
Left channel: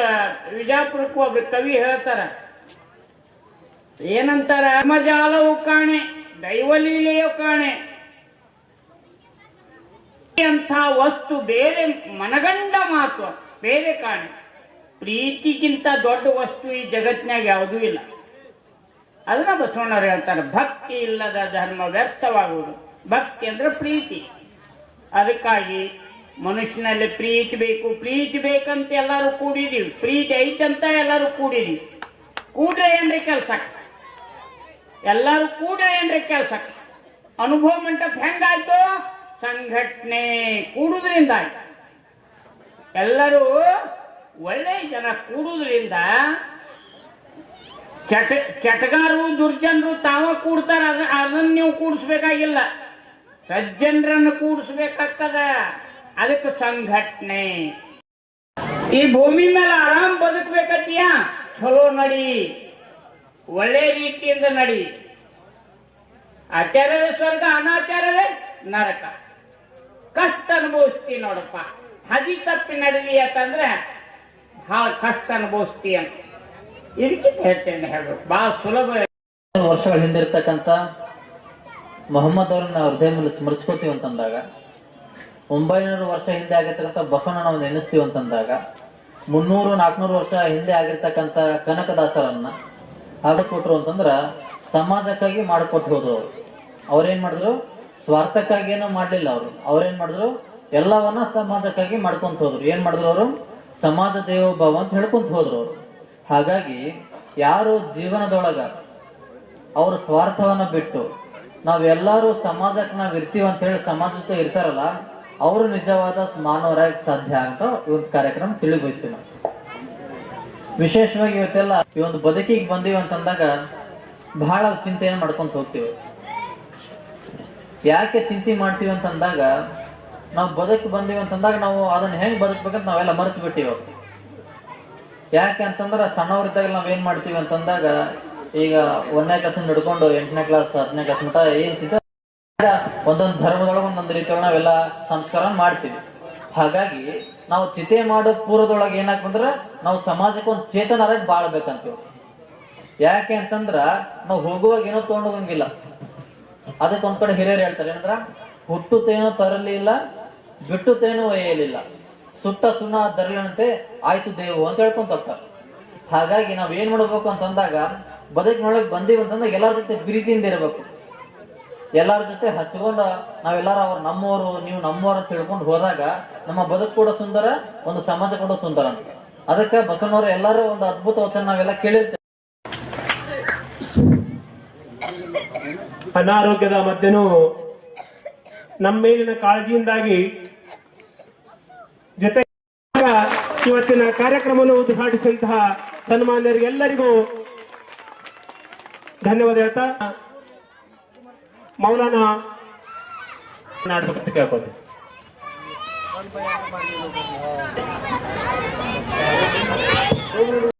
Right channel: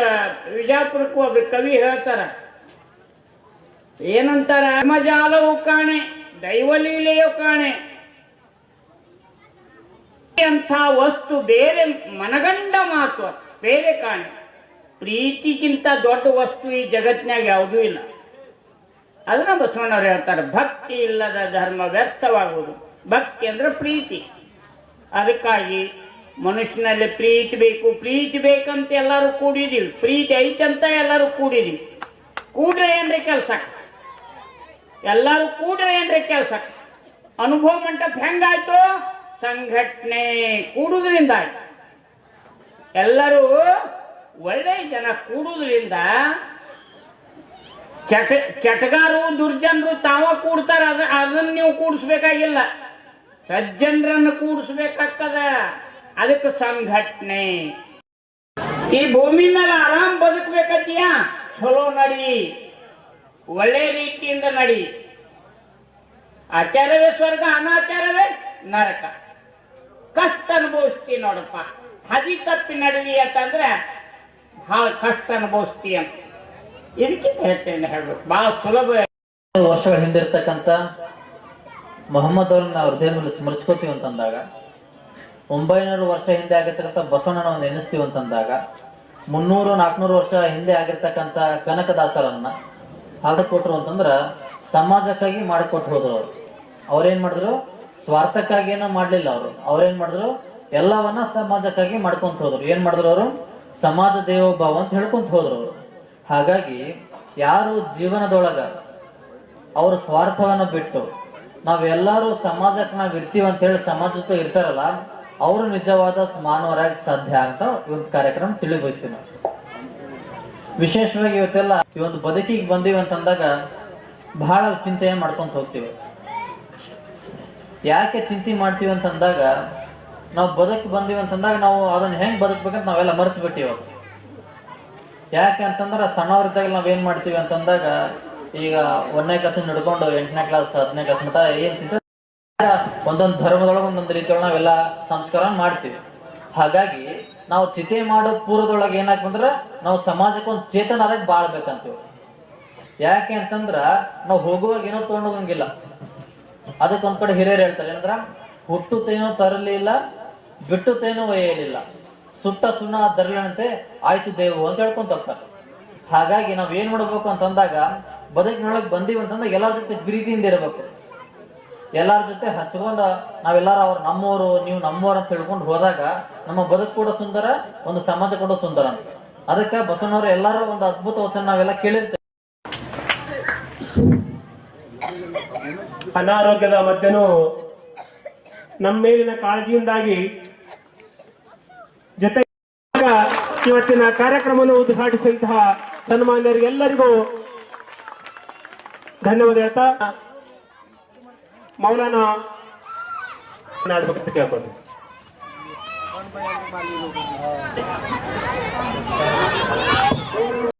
ವಿಜಾಪುರಕ್ಕೂ ಒಬ್ರು ಕವಿ ಹೇಳ್ತಾರ, ಏನಂತಾರ, ಧರ್ಮಜಾಲವು ಕಾಣೆ ದೈವಲೀಲೆಯು ಕಾಣೆ ಅಂಥ ವಸ್ತು ಬೇರೆ ಮನಗಂಡ ಮಾತು ಬೇರೆ ಕಾಣೆ. ಪ್ರೀತಿಗಿಂತ ದೊಡ್ಡ ವಸ್ತು ಈ ಜಗತ್ತಿನಾಗ ಯಾವುದೂ ಇಲ್ಲ. ಅದನ್ನ ಬಸವಣ್ಣವ್ರು ಹೇಳ್ತಾರೆ, ಭಕ್ತಿ ಇಲ್ಲದ ಧರ್ಮ ವ್ಯರ್ಥವಾಗುವುದು. ಭಕ್ತಿ ಅಂದ್ರೆ ಪ್ರೀತಿ. ಅದಕ್ಕಾಗಿ ಮನುಷ್ಯನಲ್ಲಿ ಪ್ರೀತಿ ಬೇಕು. ಪ್ರೀತಿ ಬೇಕಂತ ಎಲ್ಲರೂ ಕೂಡಿದೀವಿ, ಪ್ರೀತಿ ಐತಂತ ಎಲ್ಲರೂ ಕೂಡಿದೀವಿ. ಕೂಡ್ರೆ ಏನ್ರಿ ಕೆಲಸ, ಎಲ್ಲರೂ ಕೂಡ್ರೆ ಏನ್ರಿ ಕೆಲಸ. ಅನುಭವ ಮಂಟಪ ಹೆಂಗಾಯ್ತು? ಸಂಘಟನೆ ಕೂಡುವುದರಿಂದ ಆಯ್ತು. ಎಲ್ಲರೂ ಒಳ್ಳೆ ಜನ ಕೂಡುವುದರಿಂದ ಚಟಗಾರರು ದುರ್ಜನರು ತಾವ ಕೂಡ್ತಾರ. ಅದನ್ನ ನೀವು ಕೂಡಿಸ್ಬೇಕಾಗಿಲ್ಲ, ಸಜ್ಜನರನ್ನು ಕೂಡಿಸ್ಬೇಕಾಗ್ತದ. ಅದಕ್ಕೆ ಸಂಘಟನೆ. ಈ ಭೂಮಿ ಮೇಲೆ ಆರಾಮ್ ಬದುಕಬೇಕತ್ತೀಯ, ಚಲೋ ನಡಿ, ಒಳ್ಳೆ ರೀತಿಯಿಂದ ನಡಿ. ಆಚಾರವೇ ಸ್ವರ್ಗ, ಅನಾಚಾರವೇ ನರಕ. ಕಷ್ಟ ಅನುಭವಿಸ್ತಿ ನೋಡಪ್ಪ. ಹದಿ ತಪ್ಪಿ ನಡೀಲಿ ಅಂತಂದ್ರೆ ಬಹಳ ಕಷ್ಟ ಅನುಭವಿಸ್ತಿ ಅಂತ ಇದಕ್ಕೆ ಹೇಳ್ತೇನೆ. ಹೇಳ್ಬೇಕು ಬಹಳ ಸುಲಭ. ವರ್ಷಗಳ ಹಿಂದಿರ್ತಕ್ಕಂಥ ಮೊಹಮ್ಮದ್ ಅವ್ರನ್ನ ನಾವು ಹೃದಯದ ಮೇಲೆ ಸ್ಮರಿಸ್ಕೋತೀವಿ ಅಂತಂದಾಗ, 900 ವರ್ಷ ಹಿಂದೆ ಆಗಿರ್ತಕ್ಕಂಥ ಬಸವಣ್ಣ ನಾವು ನೆನೆಸ್ತೀವಿ ಅಂತಂದಾಗ, 300-400 ವರ್ಷ ಹಿಂದೆ ಆಗಿರ್ತಕ್ಕಂಥ ಕನಕದಾಸರನ್ನ ಹಾಡಿಕೊಟ್ರು ಅಂತಂದ್ರ ಸಮಾಜಕ್ಕಾಗಿ ಮಾಡಿಕೊಟ್ಟು ಹೋದ್ರು. ಅವ್ರೇನ್ ಮಾಡಿದ್ರು? ಸ್ವಾರ್ಥಕ್ಕಾಗಿ ಏನೋ ಮಾಡ್ಲಿಲ್ಲ. ಅವ್ರೇನ್ ಮಾಡಿದ್ರು? ಎಲ್ಲವನ್ನ ಸಮಾಜಕ್ಕಾಗಿ ಮಾಡ್ಕೊಂತ ಹೋದ್ರು. ಏನ್ ಮಾಡಿದ್ರು ಅವರು? ಸಮಾಜ ದೇವೋಭಾವ ಅಂತ ಹೇಳ್ಕೊಂತ ಹೋದ್ರು ಅವರು. ಹಾಗಾಗಿ ಯಾರು ಜೀವನದೊಳಗ ಅವ್ರ ಸ್ವಾರ್ಥವನ್ನ ಬಿಟ್ಟು ನಾವೆಲ್ಲರೂ ಸಮಾಜಕ್ಕೆ ನಾವ್ ಇರ್ತೀವಿ ಅಂತ ಹೇಳಿ ಸಮಾಜಕ್ಕೆ ಇರ್ತಾರಲ್ಲ, ಅವರು ನಿಜವಾದ ಮಾನವರಾಗಿ ಸಾಧ್ಯ ಅಂತ ಈ ಒಂದು ಕಾರ್ಯಕ್ರಮ ತಿಳಿ ಬಯಸ್ತೀವಿ ನಾವು. ವಿಶೇಷವಾಗಿ ಇವತ್ತೆಲ್ಲ ಈ ಒಂದು ಬದುಕಿಗೆ ಬಂದೀವಿ ಅಂತಂದಾಗ ಬಹಳ ಚಿಂತೆಯನ್ನು ಮಾಡ್ಕೊಂತ ಹೋಗ್ತೀವಿ. ಯಾಕೆ ಚಿಂತೆ ಮಾಡ್ತೀವಿ ಅಂತಂದಾಗ, ನಾವು ಬದುಕು ಬಂದೀವಿ ಅಂತಂದಾಗ ನಾವು ಅದನ್ನ ಹೆಂಗ್ ಬದುಕ್ಬೇಕಂತ ನಾವೆಲ್ಲ ಮರೆತು ಬಿಟ್ಟಿವ. ಯಾಕೆ ಅಂತಂದ್ರೆ ಸಣ್ಣವ್ರಿದ್ದಾಗ ನಾವೇನ್ ಮಾಡ್ತೀವಿ ಅಂತಂದಾಗ, ಈಗ 1ನೇ ಕ್ಲಾಸ್ ಹಿಡ್ಕೊಂಡು 8ನೇ ಕ್ಲಾಸ್ 10ನೇ ಕ್ಲಾಸ್ ಮಟ್ಟ ಏನ್ ಚಿಂತೆ ಒಂದೊಂದು ಧರ್ಮದೊಳಗೆ ಒಂದೊಂದು ರೀತಿಯೊಳಗೆ ನಾವೆಲ್ಲ ಸಂಸ್ಕಾರ ಮಾಡ್ತೀವಿ. ಹಾಗಾಗಿ ನಾವು ಚಿತೆ ಮಾಡೋ ಪೂರ್ವದೊಳಗೆ ಏನಾಗ್ತಂದ್ರ ನಾವು ಸಮಾಜಕ್ಕೆ ಒಂದು ಚೇತನರಾಗಿ ಬಾಳ್ಬೇಕಂತೀವಿ. ಯಾಕೆ ಅಂತಂದ್ರ ನಾವು ಹೋಗುವಾಗ ಏನೋ ತಗೊಂಡೋಗಂಗಿಲ್ಲ. ಅದಕ್ಕೊಂದ್ ಕಡೆ ಹಿರಿಯರು ಹೇಳ್ತಾರೆ, ಏನಂದ್ರ ಹುಟ್ಟುತ್ತೇನೋ ತರಲಿಲ್ಲ, ಬಿಟ್ಟುತ್ತೇನೋ ಒಯ್ಯಲಿಲ್ಲ, ಸುಟ್ಟ ಸುಣ್ಣ ದರಲಂತೆ ಆಯ್ತು ದೇವು ಅಂತ ಹೇಳ್ಕೊಂತ ಹೋಗ್ತಾರೆ. ಹಾಗಾಗಿ ನಾವ್ ಏನ್ ಮಾಡ್ಬೇಕು ಅಂತಂದಾಗ, ಬದುಕಿನೊಳಗೆ ಬಂದೀವಿ ಅಂತಂದಾಗ ಎಲ್ಲರ ಜೊತೆ ಪ್ರೀತಿಯಿಂದ ಇರಬೇಕು. ಎಲ್ಲರ ಜೊತೆ ಹಚ್ಕೊಂಡ ನಾವೆಲ್ಲಾರು ಅವ್ರು ನಮ್ಮವರು, ನೀವು ನಮ್ಮವ್ರು ಅಂತ ಹೇಳ್ಕೊಂಡು ಹೋದಾಗ ನಮ್ಮ ಬದುಕು ಕೂಡ ಸುಂದರ, ಒಂದು ಸಮಾಜ ಕೂಡ ಸುಂದರ ಅಂತ. ಅದಕ್ಕೆ ಬಸವಣ್ಣವರು ಎಲ್ಲರೂ ಒಂದು ಅದ್ಭುತ ವಚನ ನಾವೆಲ್ಲ ಕೇಳಿರ್ತೇವೆ. ಅನಾರೋಗ್ಯದ ಮಧ್ಯನೂ ನಮ್ಮ ಮೇಲಿನ ಕಾಳಜಿಯಿಂದಾಗಿ ಜೊತೆ ಇವತ್ತಿನ ಕಾರ್ಯಕ್ರಮವನ್ನು ಉದ್ಘಾಟಿಸಿದಂತಹ ಸನ್ಮಾನ್ಯರಿಗೆಲ್ಲರಿಗೂ ಧನ್ಯವಾದ ಹೇಳ್ತಾ ಮೌಲಾನ ನಾಡಬೇಕಂತ ಕೇಳ್ಕೊಳ್ತೀವಿ.